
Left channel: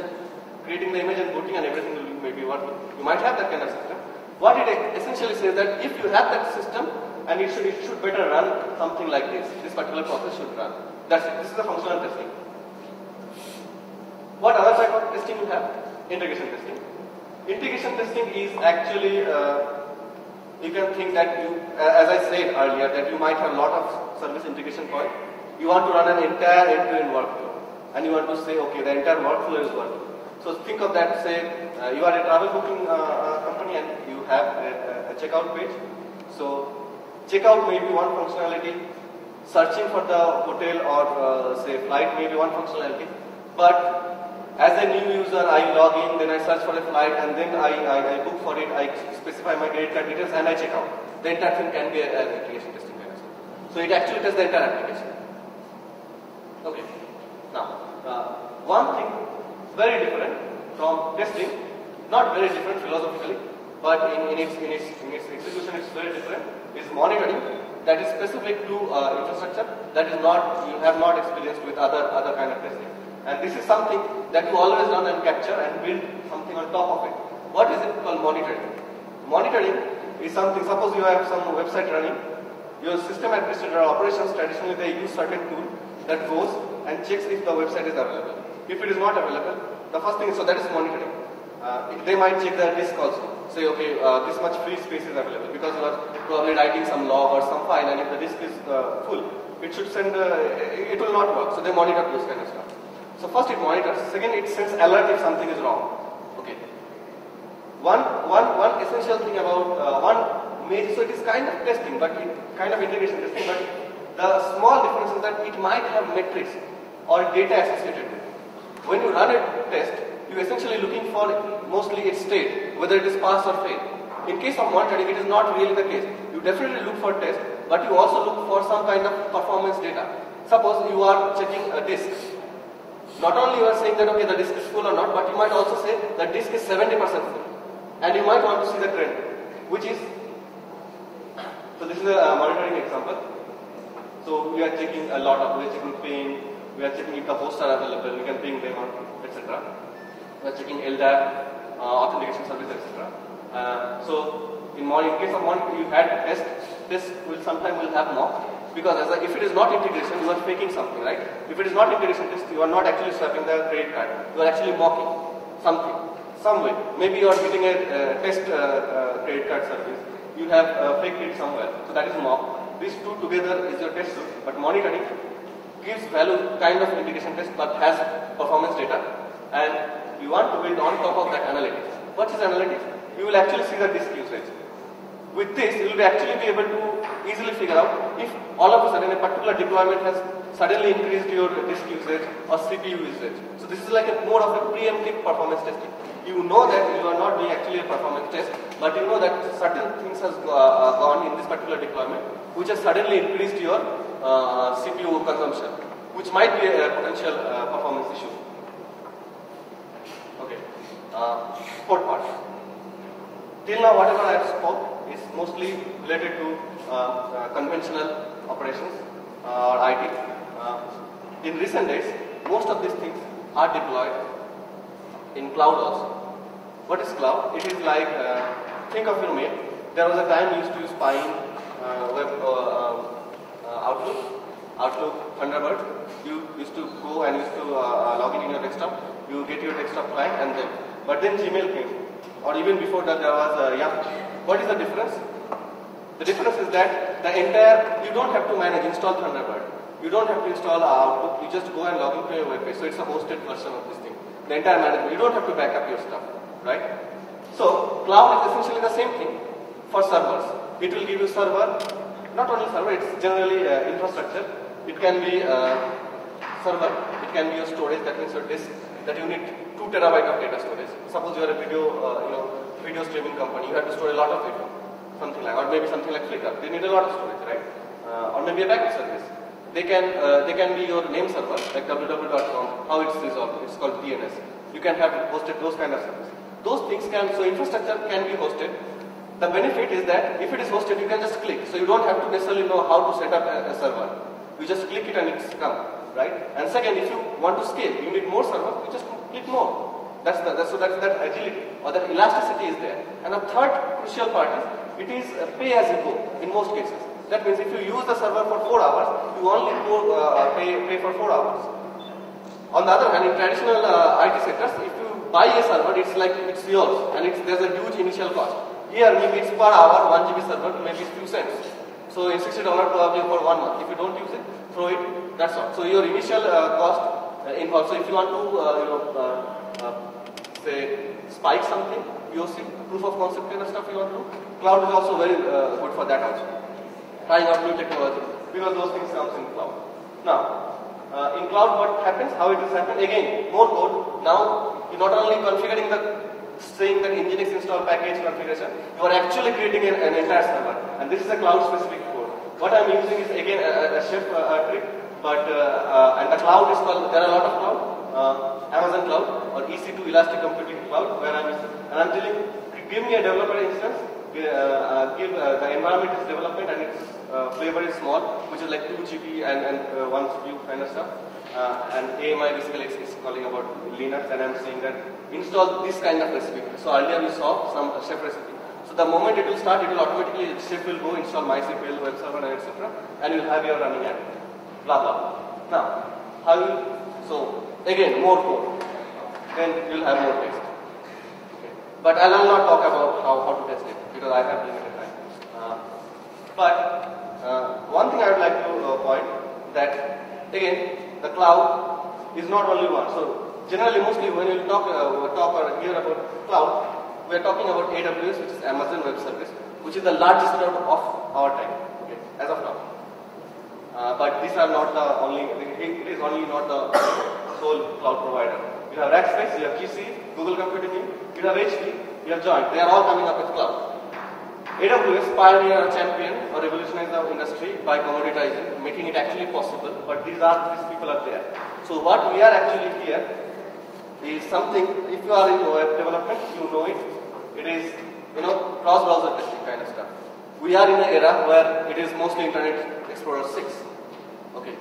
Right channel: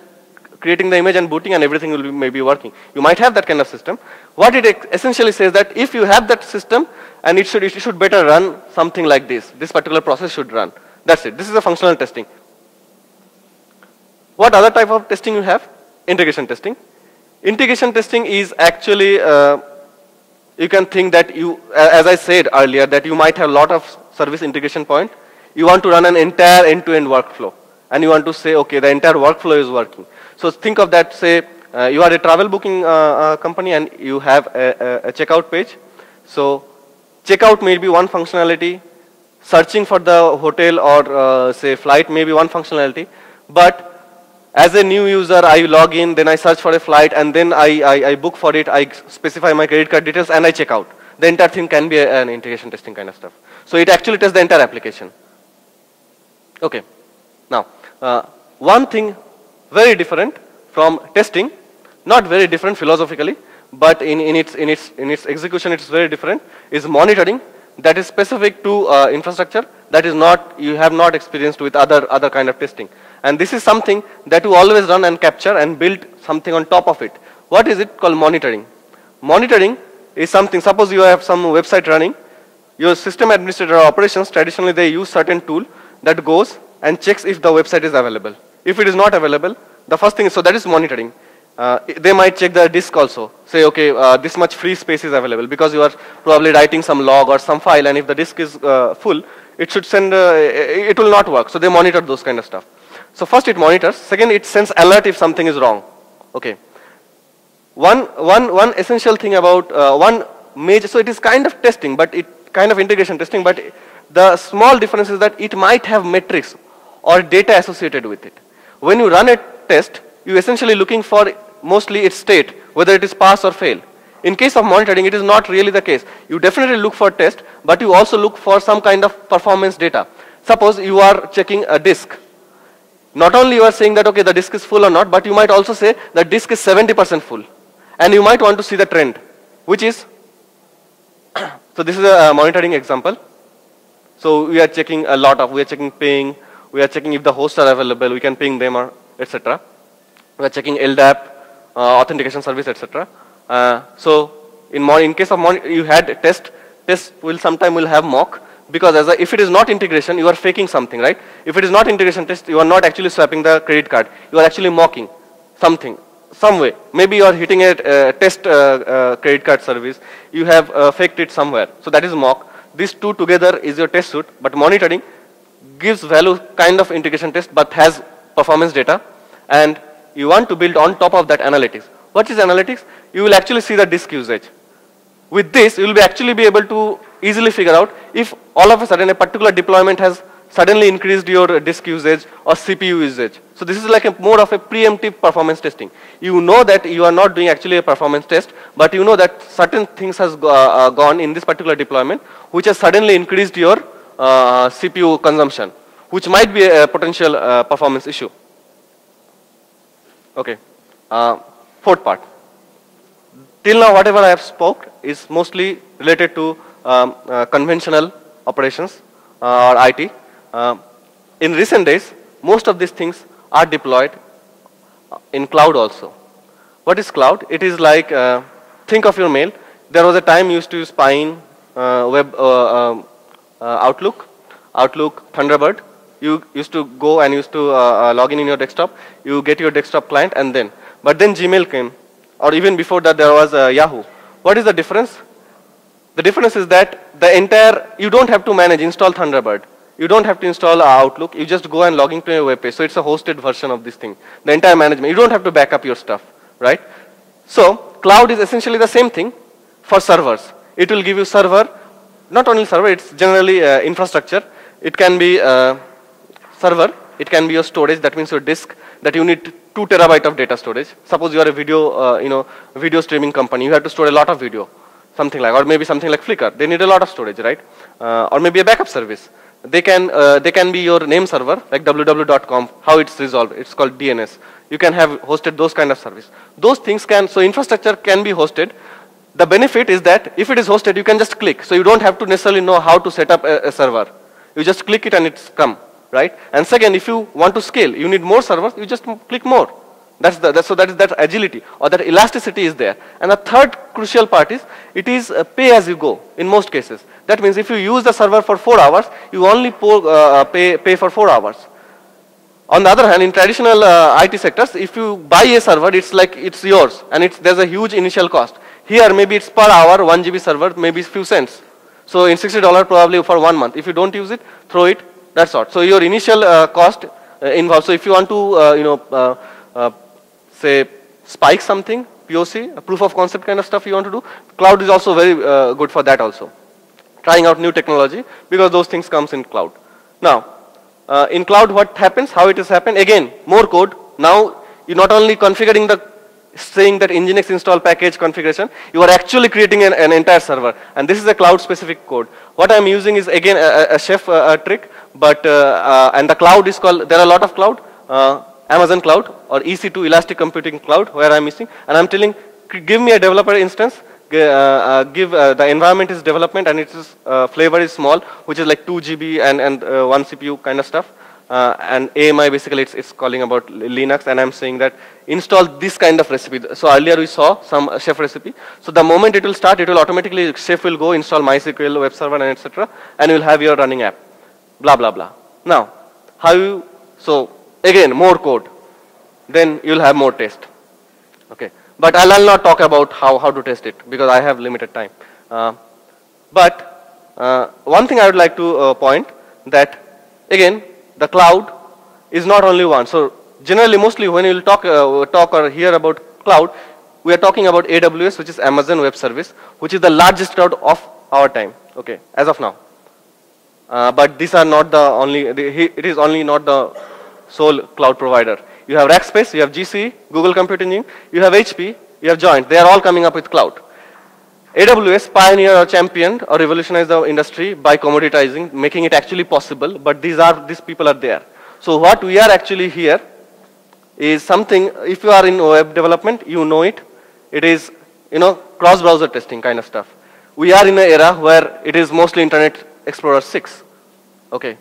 creating the image and booting and everything will be maybe working. You might have that kind of system. What it essentially says that if you have that system, and it should better run something like this. This particular process should run. That's it. This is a functional testing. What other type of testing you have? Integration testing. Integration testing is actually, you can think that as I said earlier, that you might have a lot of service integration point. You want to run an entire end-to-end workflow, and you want to say, okay, the entire workflow is working. So think of that, say, you are a travel booking company and you have a checkout page. So checkout may be one functionality, searching for the hotel or say flight may be one functionality, but as a new user I log in, then I search for a flight, and then I book for it, I specify my credit card details and I check out. The entire thing can be an integration testing kind of stuff. So it actually tests the entire application. Okay. Now, one thing very different from testing, not very different philosophically, but in its execution it's very different, is monitoring. That is specific to infrastructure, that is not, you have not experienced with other kind of testing. And this is something that you always run and capture and build something on top of it. What is it called? Monitoring. Monitoring is something, suppose you have some website running, your system administrator or operations, traditionally they use certain tool that goes and checks if the website is available. If it is not available, the first thing is, so that is monitoring. They might check the disk also. Say, okay, this much free space is available because you are probably writing some log or some file, and if the disk is full, it should send, it will not work. So they monitor those kind of stuff. So first it monitors. Second, it sends alert if something is wrong. Okay. One essential thing about one major, so it is kind of testing, but it kind of integration testing, but the small difference is that it might have metrics or data associated with it. When you run a test, you essentially looking for mostly its state, whether it is pass or fail. In case of monitoring, it is not really the case. You definitely look for test, but you also look for some kind of performance data. Suppose you are checking a disk. Not only you are saying that, okay, the disk is full or not, but you might also say the disk is 70% full. And you might want to see the trend, which is, so this is a monitoring example. So we are checking a lot of, we are checking ping, we are checking if the hosts are available, we can ping them or etc. We are checking LDAP, authentication service, etc. So in case of you had test will sometime will have mock, because if it is not integration, you are faking something, right? If it is not integration test, you are not actually swapping the credit card, you are actually mocking something, some way. Maybe you are hitting a test credit card service, you have faked it somewhere. So that is mock. These two together is your test suite, but monitoring gives value kind of integration test, but has performance data, and you want to build on top of that analytics. What is analytics? You will actually see the disk usage. With this, you will actually be able to easily figure out if all of a sudden a particular deployment has suddenly increased your disk usage or CPU usage. So this is like more of a preemptive performance testing. You know that you are not doing actually a performance test, but you know that certain things has gone in this particular deployment, which has suddenly increased your CPU consumption, which might be a potential performance issue. Okay. Fourth part. Till now, whatever I have spoke is mostly related to conventional operations or IT. In recent days, most of these things are deployed in cloud also. What is cloud? It is like, think of your mail. There was a time you used to use Pine, Outlook, Thunderbird. You used to go and used to log in your desktop. You get your desktop client and then. But then Gmail came, or even before that there was Yahoo. What is the difference? The difference is that the entire, you don't have to install Thunderbird. You don't have to install Outlook. You just go and log into your web page. So it's a hosted version of this thing. The entire management. You don't have to back up your stuff, right? So cloud is essentially the same thing for servers. It will give you server, not only server, it's generally infrastructure. It can be server, it can be your storage, that means your disk, that you need 2 terabyte of data storage. Suppose you are a video, video streaming company, you have to store a lot of video, something like, or maybe something like Flickr, they need a lot of storage, right? Or maybe a backup service. They can be your name server, like www.com, how it's resolved, it's called DNS. You can have hosted those kind of service. Those things can, so infrastructure can be hosted. The benefit is that if it is hosted, you can just click. So you don't have to necessarily know how to set up a server. You just click it and it's come, right? And second, if you want to scale, you need more servers, you just click more. So that agility or that elasticity is there. And the third crucial part is, it is pay as you go in most cases. That means if you use the server for 4 hours, you only pay for 4 hours. On the other hand, in traditional IT sectors, if you buy a server, it's like it's yours and there's a huge initial cost. Here, maybe it's per hour, 1 GB server, maybe it's few cents. So in $60 probably for 1 month. If you don't use it, throw it, that's all. So your initial cost involved. So if you want to, say, spike something, POC, a proof of concept kind of stuff you want to do, cloud is also very good for that also. Trying out new technology, because those things comes in cloud. Now, in cloud what happens, how it has happened, again, more code. Now, you're not only configuring saying that Nginx install package configuration, you are actually creating an entire server. And this is a cloud specific code. What I'm using is again a chef trick, but, and the cloud is called, there are a lot of cloud, Amazon cloud or EC2 Elastic Computing Cloud, where I'm using, and I'm telling, give me a developer instance, the environment is development and its flavor is small, which is like 2 GB and 1 CPU kind of stuff. And AMI basically it's calling about Linux, and I'm saying that install this kind of recipe. So earlier we saw some chef recipe. So the moment it will start, it will automatically, chef will go install MySQL, web server and etc. and you will have your running app. Blah, blah, blah. Now, so again, more code, then you'll have more test. Okay, but I'll not talk about how to test it because I have limited time. But one thing I would like to point that again, the cloud is not only one. So generally, mostly when you talk or hear about cloud, we are talking about AWS, which is Amazon Web Service, which is the largest cloud of our time. Okay, as of now. But these are not the only. It is only not the sole cloud provider. You have Rackspace, you have GCE, Google Compute Engine, you have HP, you have Joint. They are all coming up with cloud. AWS pioneered or championed or revolutionized the industry by commoditizing, making it actually possible. But these people are there. So what we are actually here is something. If you are in web development, you know it. It is cross-browser testing kind of stuff. We are in an era where it is mostly Internet Explorer 6. Okay,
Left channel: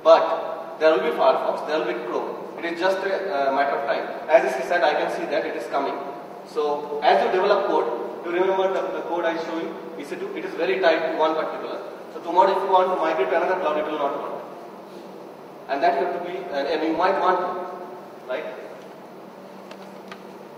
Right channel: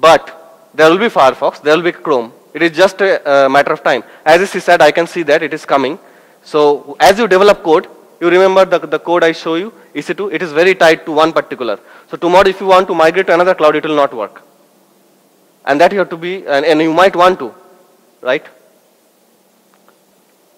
but there will be Firefox, there will be Chrome. It is just a matter of time. As he said, I can see that it is coming. So as you develop code, you remember the code I show you, EC2, it is very tied to one particular. So tomorrow if you want to migrate to another cloud, it will not work. And that you have to be, and you might want to, right?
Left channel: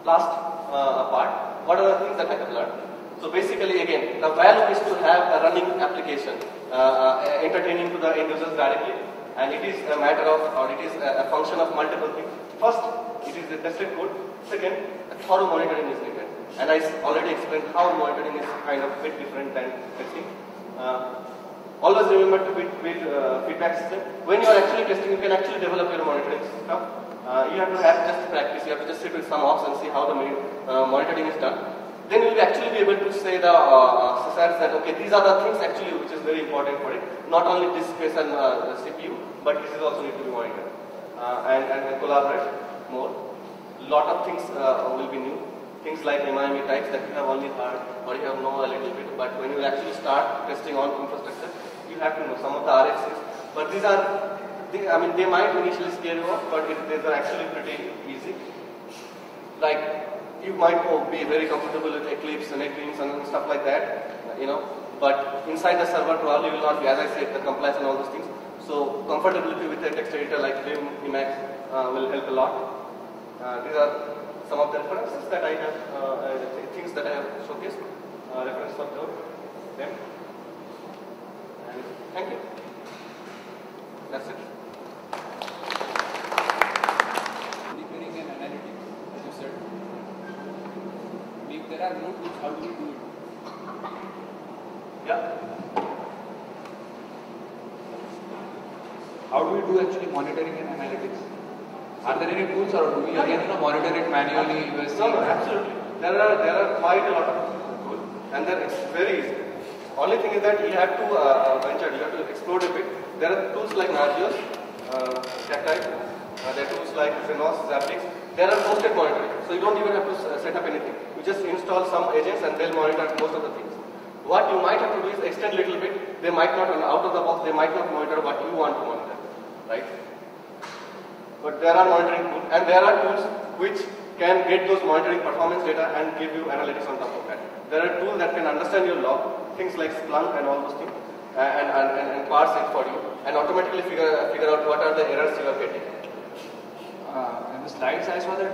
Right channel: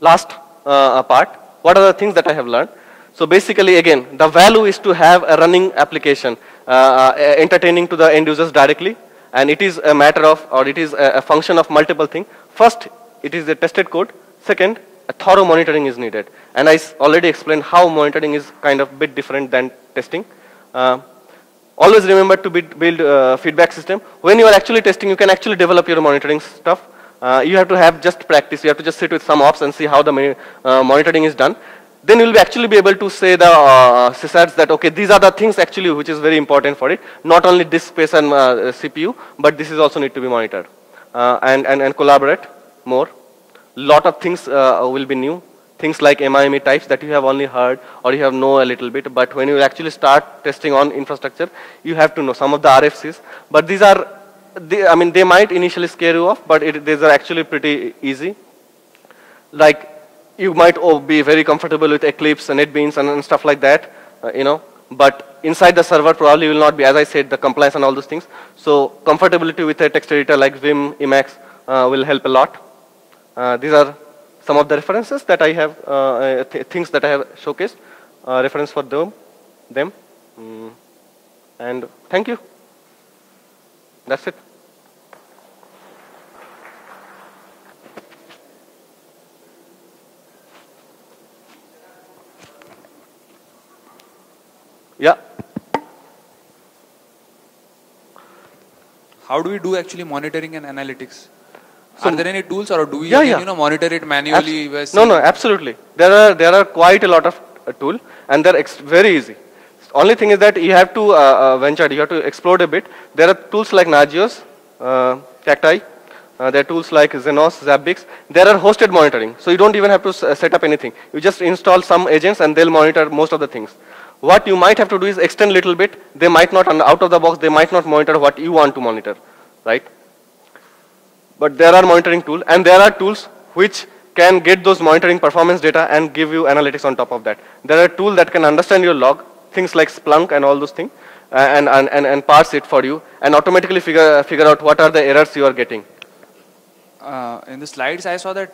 Last part, what are the things that I have learned? So basically again, the value is to have a running application, entertaining to the end users directly. And it is a matter of, or it is a function of multiple things. First, it is a tested code. Second, a thorough monitoring is needed. And I already explained how monitoring is kind of a bit different than testing. Always remember to build feedback system. When you are actually testing, you can actually develop your monitoring stuff. You have to have just practice. You have to just sit with some ops and see how the monitoring is done. Then you will actually be able to say the sysads that okay, these are the things actually which is very important for it. Not only disk space and CPU, but this is also need to be monitored and collaborate more. Lot of things will be new. Things like MIME types that you have only heard or you have know a little bit. But when you actually start testing on infrastructure, you have to know some of the RFCs. But these are, they might initially scare you off, but these are actually pretty easy. Like, you might be very comfortable with Eclipse and NetBeans and stuff like that, but inside the server probably will not be, as I said, the compliance and all those things. So comfortability with a text editor like Vim, Emacs will help a lot. These are some of the references that I have, things that I have showcased, reference for them. And thank you. That's it. Yeah. How do we do actually monitoring and analytics? So are there any tools, or do we monitor it manually? No, absolutely. There are quite a lot of tools, and they're very easy. Only thing is that you have to venture. You have to explore a bit. There are tools like Nagios, Tactile. There are tools like Xenos, Zabbix. There are hosted monitoring, so you don't even have to set up anything. You just install some agents, and they'll monitor most of the things. What you might have to do is extend a little bit. They might not, out of the box, they might not monitor what you want to monitor, right? But there are monitoring tools, and there are tools which can get those monitoring performance data and give you analytics on top of that. There are tools that can understand your log, things like Splunk and all those things, and parse it for you, and automatically figure out what are the errors you are getting. In the slides, I saw that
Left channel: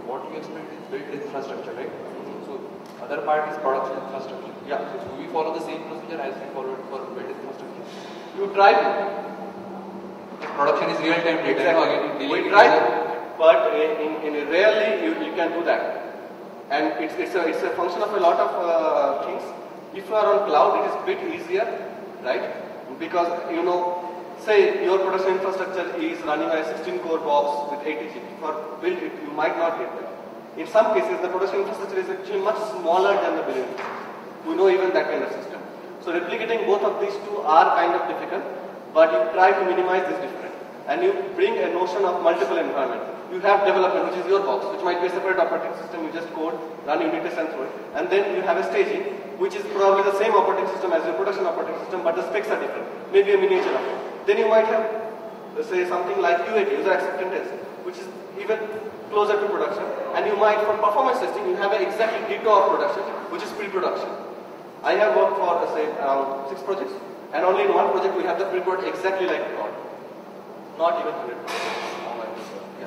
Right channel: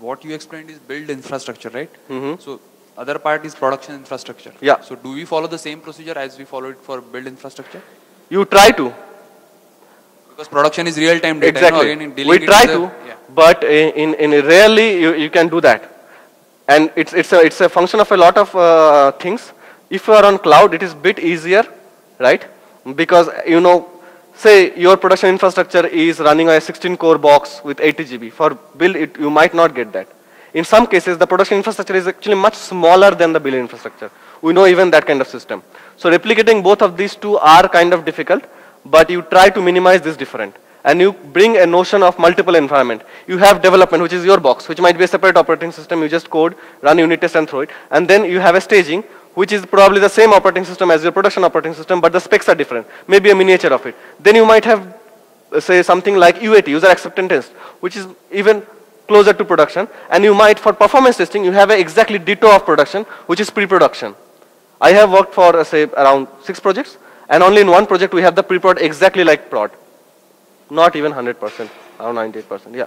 what you explained is build infrastructure, right? Mm-hmm. So other part is production infrastructure. Yeah. So do we follow the same procedure as we followed for build infrastructure? You try to. Because production is real-time data. Exactly. We try to, but in rarely you can do that. And it's a function of a lot of things. If you are on cloud, it is a bit easier, right? Because say your production infrastructure is running a 16-core box with 80 GB. For build, you might not get that. In some cases, the production infrastructure is actually much smaller than the build infrastructure. We know even that kind of system. So replicating both of these two are kind of difficult, but you try to minimize this difference. And you bring a notion of multiple environment. You have development, which is your box, which might be a separate operating system. You just code, run unit test and throw it. And then you have a staging, which is probably the same operating system as your production operating system, but the specs are different. Maybe a miniature of it. Then you might have, say, something like UAT, user acceptance test, which is even closer to production. And you might, for performance testing, you have a exactly ditto of production, which is pre-production. I have worked for, say, around 6 projects, and only in one project we have the pre-prod exactly like prod. Not even 100%, around 90%, yeah.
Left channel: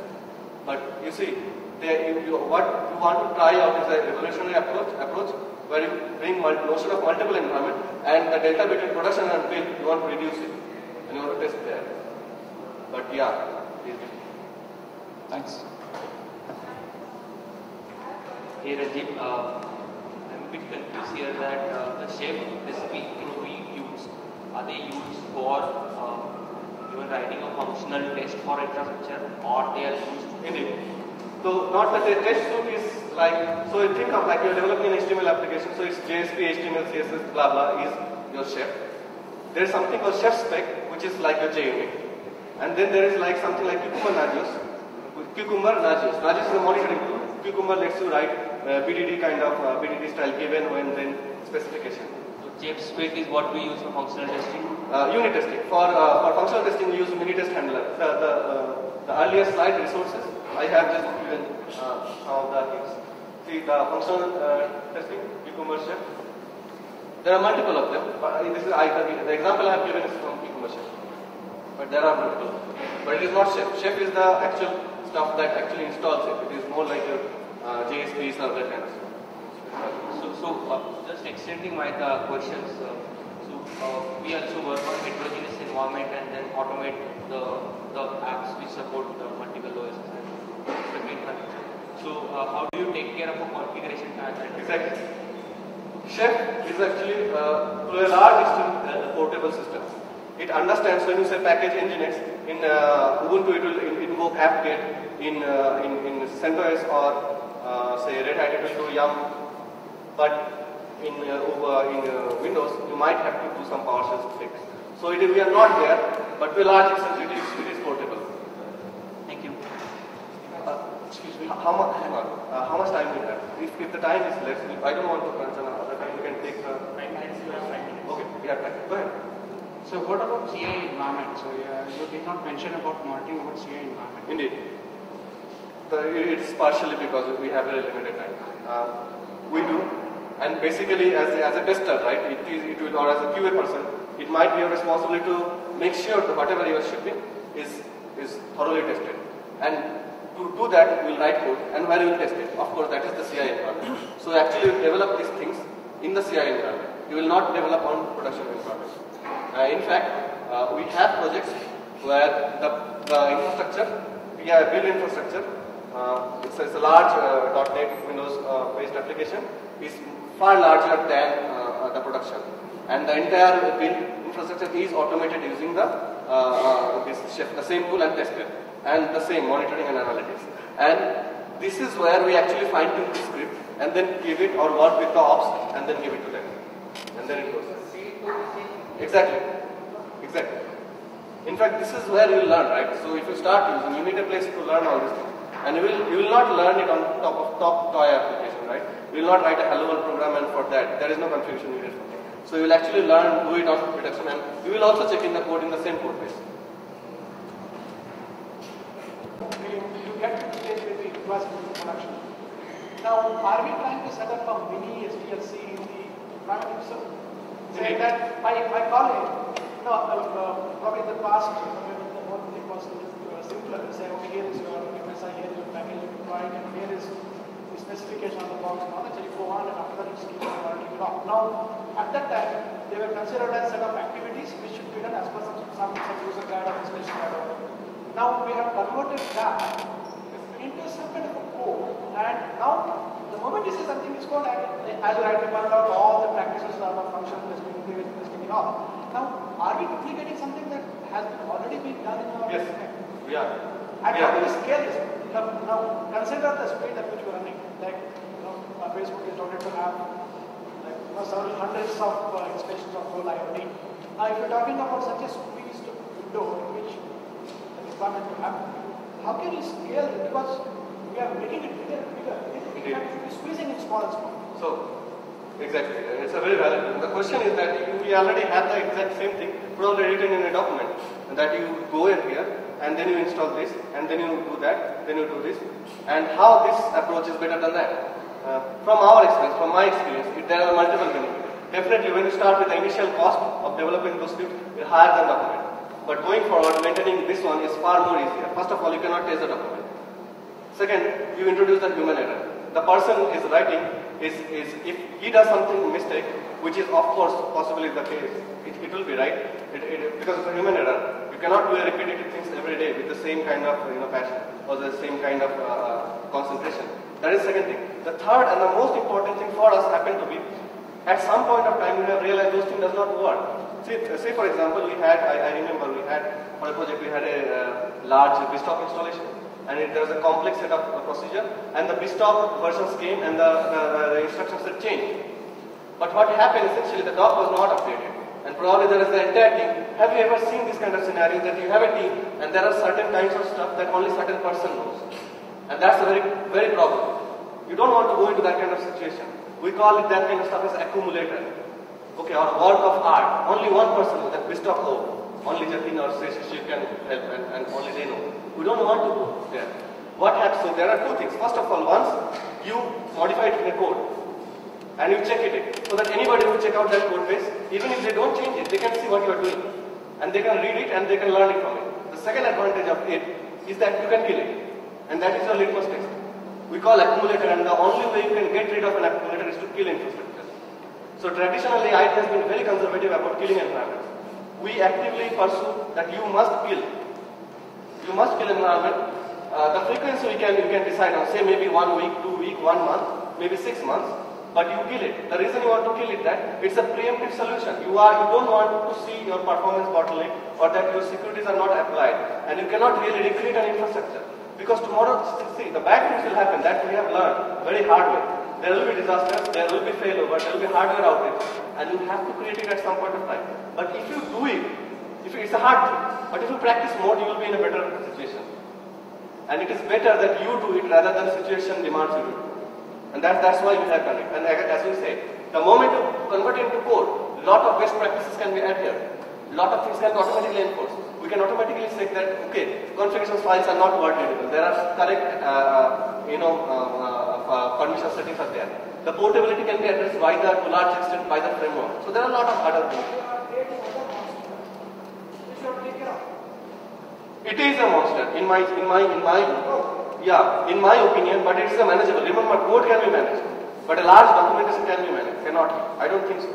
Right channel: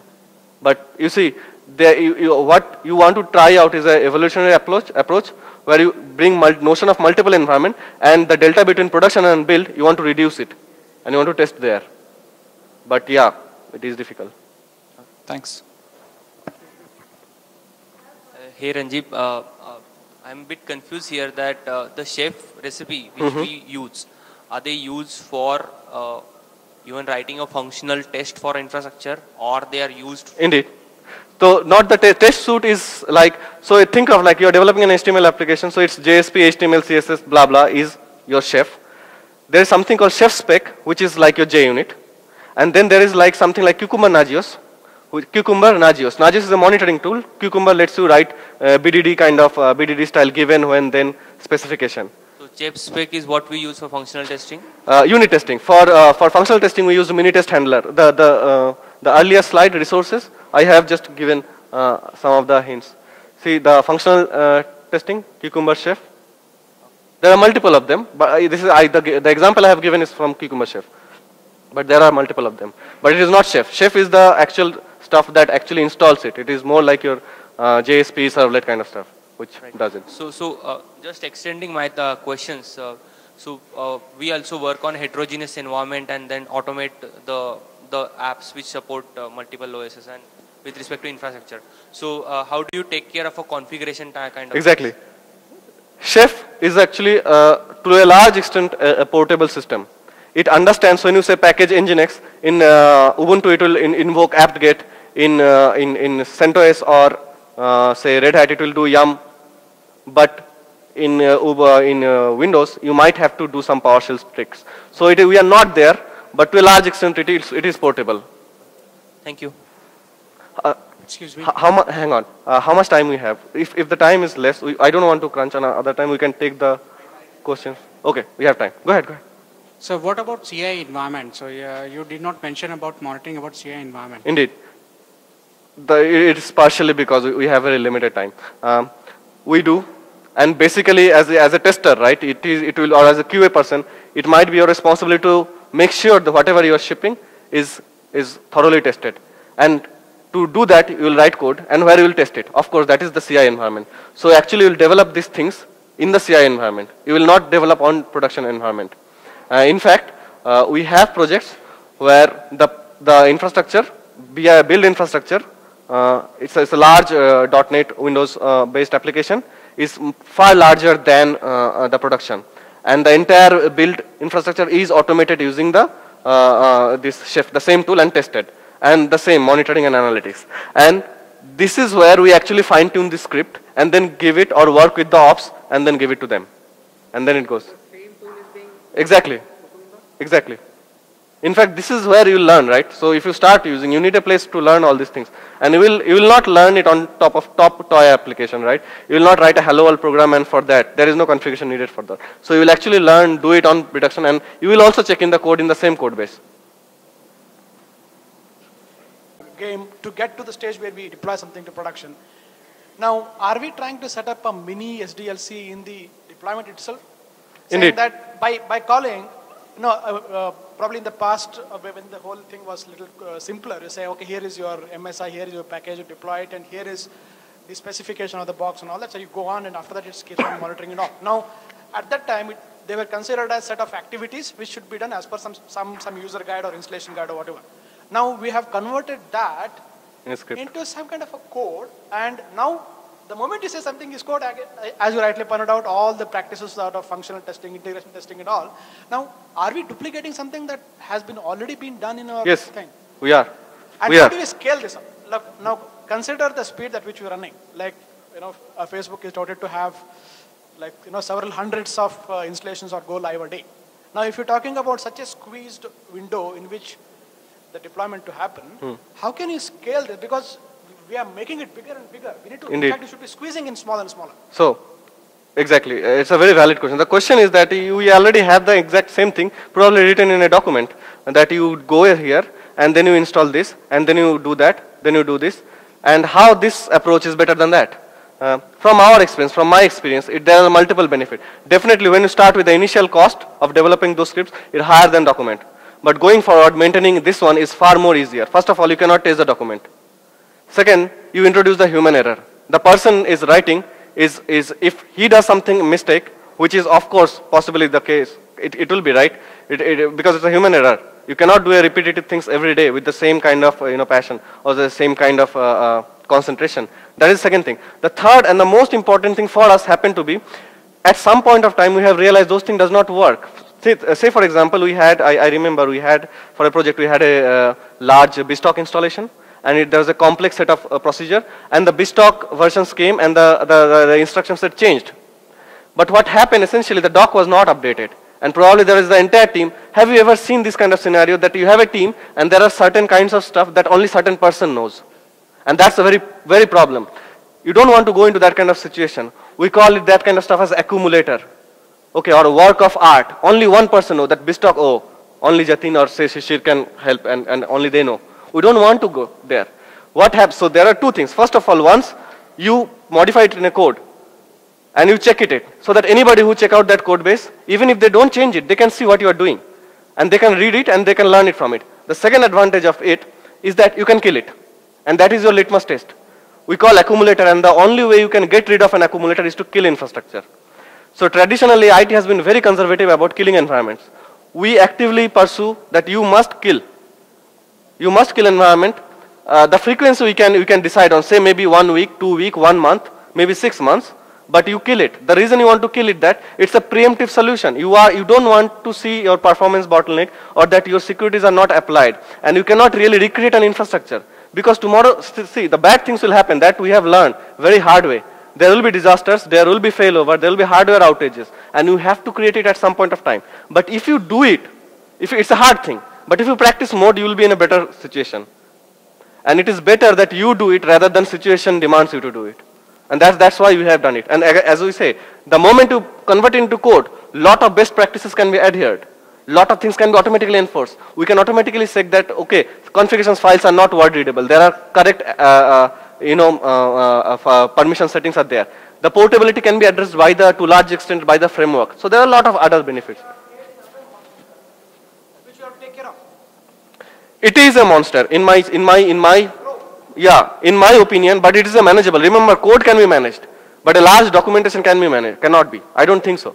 But you see, what you want to try out is an evolutionary approach where you bring notion of multiple environment, and the delta between production and build, you want to reduce it, and you want to test there. But yeah, it is difficult. Thanks. Hey Ranjib, I'm a bit confused here that the chef recipe which we use, are they used for even writing a functional test for infrastructure, or they are used? Indeed. So not the test suite is like, so think of like you're developing an HTML application, so it's JSP, HTML, CSS, blah, blah is your chef. There is something called chef spec, which is like your JUnit. And then there is like something like Cucumber Nagios. Nagios is a monitoring tool. Cucumber lets you write BDD kind of BDD style given, when, then specification. So chef spec is what we use for functional testing? Unit testing. For functional testing, we use the mini test handler. The earlier slide resources, I have just given some of the hints. See the functional testing, Cucumber Chef. There are multiple of them, but this is the example I have given is from Cucumber Chef. But there are multiple of them. But it is not Chef. Chef is the actual stuff that actually installs it. It is more like your JSP servlet kind of stuff, which does it. So just extending my questions. We also work on heterogeneous environment and then automate the apps which support multiple OSs and with respect to infrastructure. So how do you take care of a configuration kind of? Exactly. Chef is actually to a large extent a portable system. It understands when you say package nginx in Ubuntu, it will invoke apt-get. In CentOS or say Red Hat, it will do yum. But in Windows, you might have to do some PowerShell tricks. So we are not there, but to a large extent, it is portable. Thank you. Excuse me. Hang on. How much time we have? If the time is less, I don't want to crunch on other time. We can take the question. Okay, we have time. Go ahead. So what about CI environment? So you did not mention about monitoring about CI environment. Indeed. It's partially because we have very limited time. We do, and basically as a tester, right? It will, or as a QA person, it might be your responsibility to make sure that whatever you are shipping is thoroughly tested. And to do that, you will write code, and where you will test it. Of course, that is the CI environment. So actually, you will develop these things in the CI environment. You will not develop on production environment. In fact, we have projects where the infrastructure, build infrastructure, it's a large .NET Windows based application, is far larger than the production, and the entire build infrastructure is automated using this Chef, the same tool, and tested, and the same monitoring and analytics. And this is where we actually fine tune the script and then give it, or work with the ops and then give it to them, and then it goes. Exactly. In fact, this is where you learn, right? So if you start using, you need a place to learn all these things. And you will not learn it on top of toy application, right? You will not write a hello world program, and for that, there is no configuration needed for that. So you will actually learn, do it on production, and you will also check in the code in the same code base. Okay, to get to the stage where we deploy something to production. Now, are we trying to set up a mini SDLC in the deployment itself? Indeed. Saying that by calling, probably in the past, when the whole thing was a little simpler, say, okay, here is your MSI, here is your package, you deploy it, and here is the specification of the box and all that. So you go on, and after that, it's keeps on monitoring it all. Now, at that time, they were considered as a set of activities which should be done as per some user guide or installation guide or whatever. Now we have converted that into some kind of a code, and now the moment you say something is code, as you rightly pointed out, all the practices are of functional testing, integration testing and all. Now, are we duplicating something that has already been done in our thing? We are. And how do we scale this up? Look, now consider the speed at which we are running. Like, Facebook is touted to have several hundreds of installations or go live a day. Now, if you're talking about such a squeezed window in which the deployment to happen, how can you scale this? Because we are making it bigger and bigger. Indeed. You should be squeezing in smaller and smaller. So, exactly. It's a very valid question. The question is that we already have the exact same thing, probably written in a document, that you go here, and then you install this, and then you do that, then you do this, and how this approach is better than that. From our experience, from my experience, there are multiple benefits. Definitely, when you start with the initial cost of developing those scripts, it's higher than document. But going forward, maintaining this one is far more easier. First of all, you cannot test the document. Second, you introduce the human error. The person is writing is if he does something mistake, which is of course possibly the case, it will be right, because it's a human error. You cannot do a repetitive things every day with the same kind of passion or the same kind of concentration. That is the second thing. The third and the most important thing for us happened to be, at some point of time we have realized those things does not work. Say for example, we had, I remember we had, for a project we had a large BizTalk installation, and there was a complex set of procedure, and the BizTalk versions came and the instruction set changed. But what happened essentially, the doc was not updated. And probably there is the entire team. Have you ever seen this kind of scenario that you have a team and there are certain kinds of stuff that only certain person knows? And that's a very problem. You don't want to go into that kind of situation. We call it that kind of stuff as accumulator. Okay, or a work of art. Only one person knows that BizTalk, oh, only Jatin or say Shishir can help and only they know. We don't want to go there. What happens? So there are two things. First of all, once you modify it in a code, and you check it so that anybody who check out that code base, even if they don't change it, they can see what you are doing. And they can read it and they can learn it from it. The second advantage of it is that you can kill it. And that is your litmus test. We call accumulator, and the only way you can get rid of an accumulator is to kill infrastructure. So traditionally, IT has been very conservative about killing environments. We actively pursue that you must kill. You must kill environment. The frequency we can decide on, say maybe 1 week, 2 weeks, 1 month, maybe 6 months. But you kill it. The reason you want to kill it, that it's a preemptive solution. You don't want to see your performance bottleneck or that your securities are not applied, and you cannot really recreate an infrastructure, because tomorrow, see, the bad things will happen. That we have learned very hard way. There will be disasters, there will be failover, there will be hardware outages, and you have to create it at some point of time. But if you do it, it's a hard thing, but if you practice more, you will be in a better situation. And it is better that you do it rather than situation demands you to do it. And that's why we have done it. And as we say, the moment you convert it into code, lot of best practices can be adhered. Lot of things can be automatically enforced. We can automatically say that, okay, configurations files are not word readable. There are correct, permission settings are there. The portability can be addressed by to large extent by the framework. So there are a lot of other benefits. It is a monster in my opinion, but it is a manageable. Remember, code can be managed, but a large documentation can be managed. Cannot be. I don't think so.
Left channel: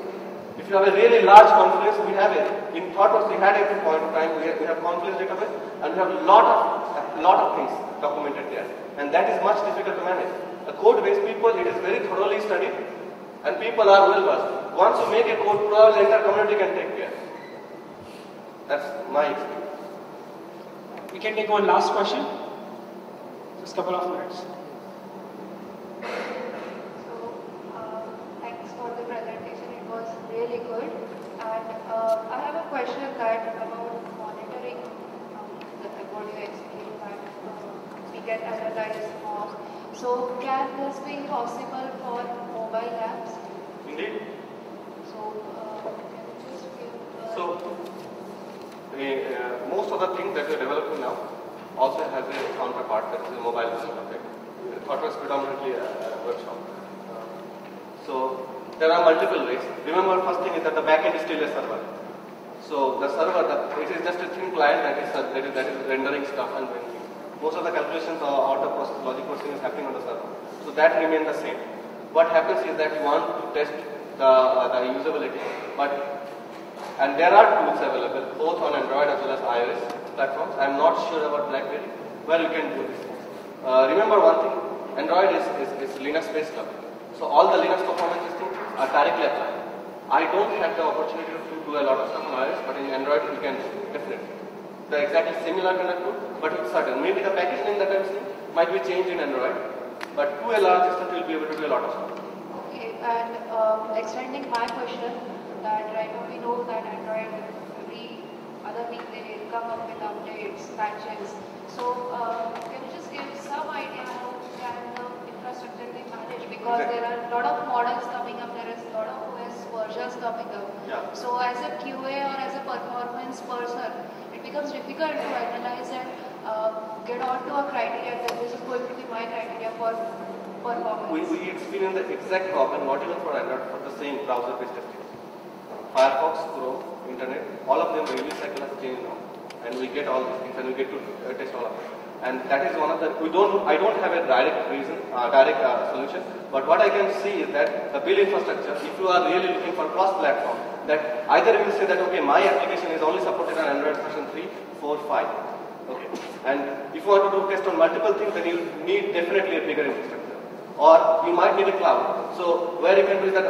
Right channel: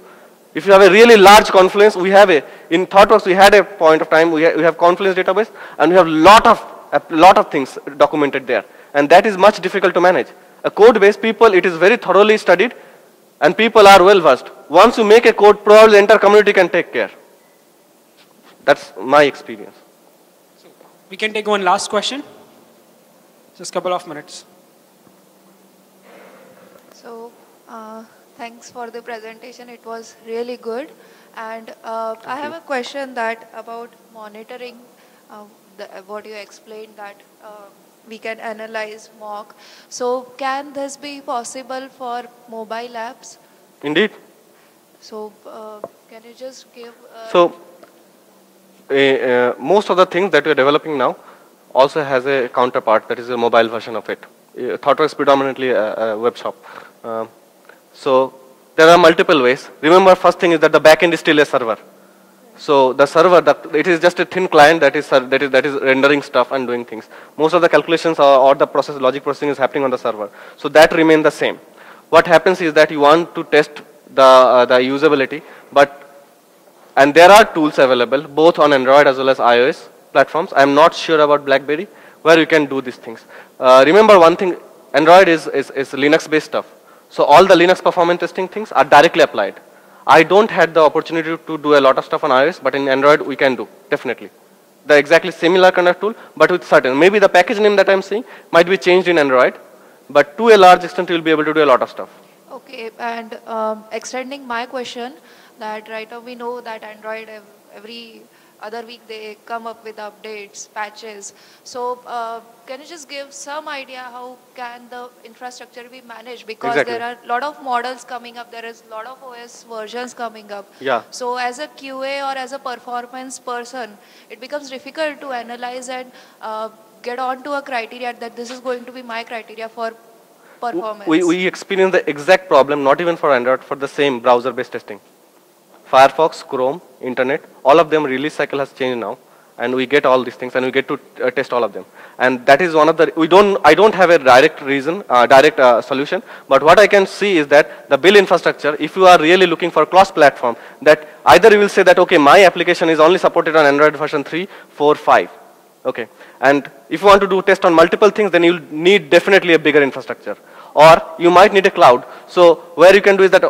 If you have a really large Confluence, we have in ThoughtWorks we had a point of time, we have Confluence database, and we have a lot of things documented there. And that is much difficult to manage. A code base, it is very thoroughly studied, and people are well versed. Once you make a code, probably the entire community can take care. That's my experience. We can take one last question. Just a couple of minutes. So, thanks for the presentation. It was really good. And I have a question about monitoring, what you explained, that we can analyze mock. So, can this be possible for mobile apps? Indeed. So, can you just give... most of the things that we are developing now also has a counterpart, that is a mobile version of it. ThoughtWorks is predominantly a web shop. So there are multiple ways. Remember, first thing is that the backend is still a server. So the server, it is just a thin client that is rendering stuff and doing things. Most of the calculations or the logic processing is happening on the server. So that remains the same. What happens is that you want to test the usability, and there are tools available both on Android as well as iOS platforms. I am not sure about BlackBerry, where you can do these things. Remember one thing, Android is Linux based stuff. So all the Linux performance testing things are directly applied. I don't have the opportunity to do a lot of stuff on iOS, but in Android we can do, definitely. The exactly similar kind of tool, but with certain. Maybe the package name that I'm saying might be changed in Android, but to a large extent you will be able to do a lot of stuff. Okay, and extending my question, that right now we know that Android every other week they come up with updates, patches. So can you just give some idea how can the infrastructure be managed? Because there are a lot of models coming up, there is a lot of OS versions coming up. Yeah. So as a QA or as a performance person, it becomes difficult to analyze and get onto a criteria that this is going to be my criteria for performance. We experience the exact problem, not even for Android, for the same browser-based testing. Firefox, Chrome, Internet, all of them release cycle has changed now. and we get all these things, and we get to test all of them. And that is one of the, I don't have a direct reason, solution, but what I can see is that the build infrastructure, if you are really looking for cross platform, that either you will say that, okay, my application is only supported on Android version 3, 4, 5. Okay, and if you want to do test on multiple things, then you'll need definitely a bigger infrastructure. Or you might need a cloud. So where you can do is that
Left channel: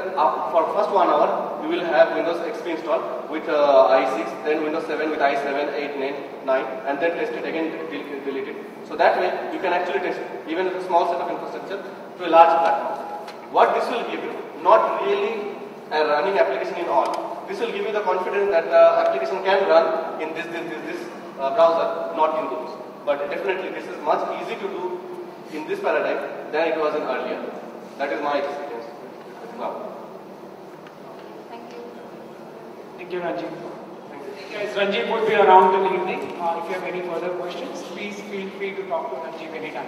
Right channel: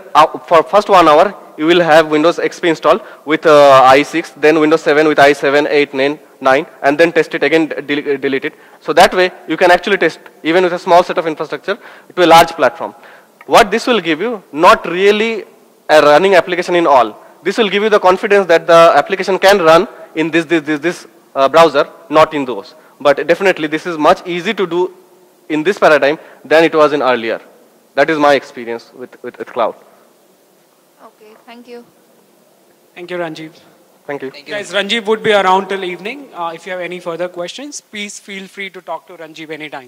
for first 1 hour, you will have Windows XP installed with i6, then Windows 7 with i7, 8, 9, and then test it again, delete it. So that way, you can actually test even with a small set of infrastructure to a large platform. What this will give you, not really a running application in all. This will give you the confidence that the application can run in this browser, not in those. But definitely, this is much easy to do in this paradigm than it was in earlier. That is my experience with cloud. Okay, thank you. Thank you, Ranjib. Thank you. Guys, Ranjib would be around till evening. If you have any further questions, please feel free to talk to Ranjib anytime.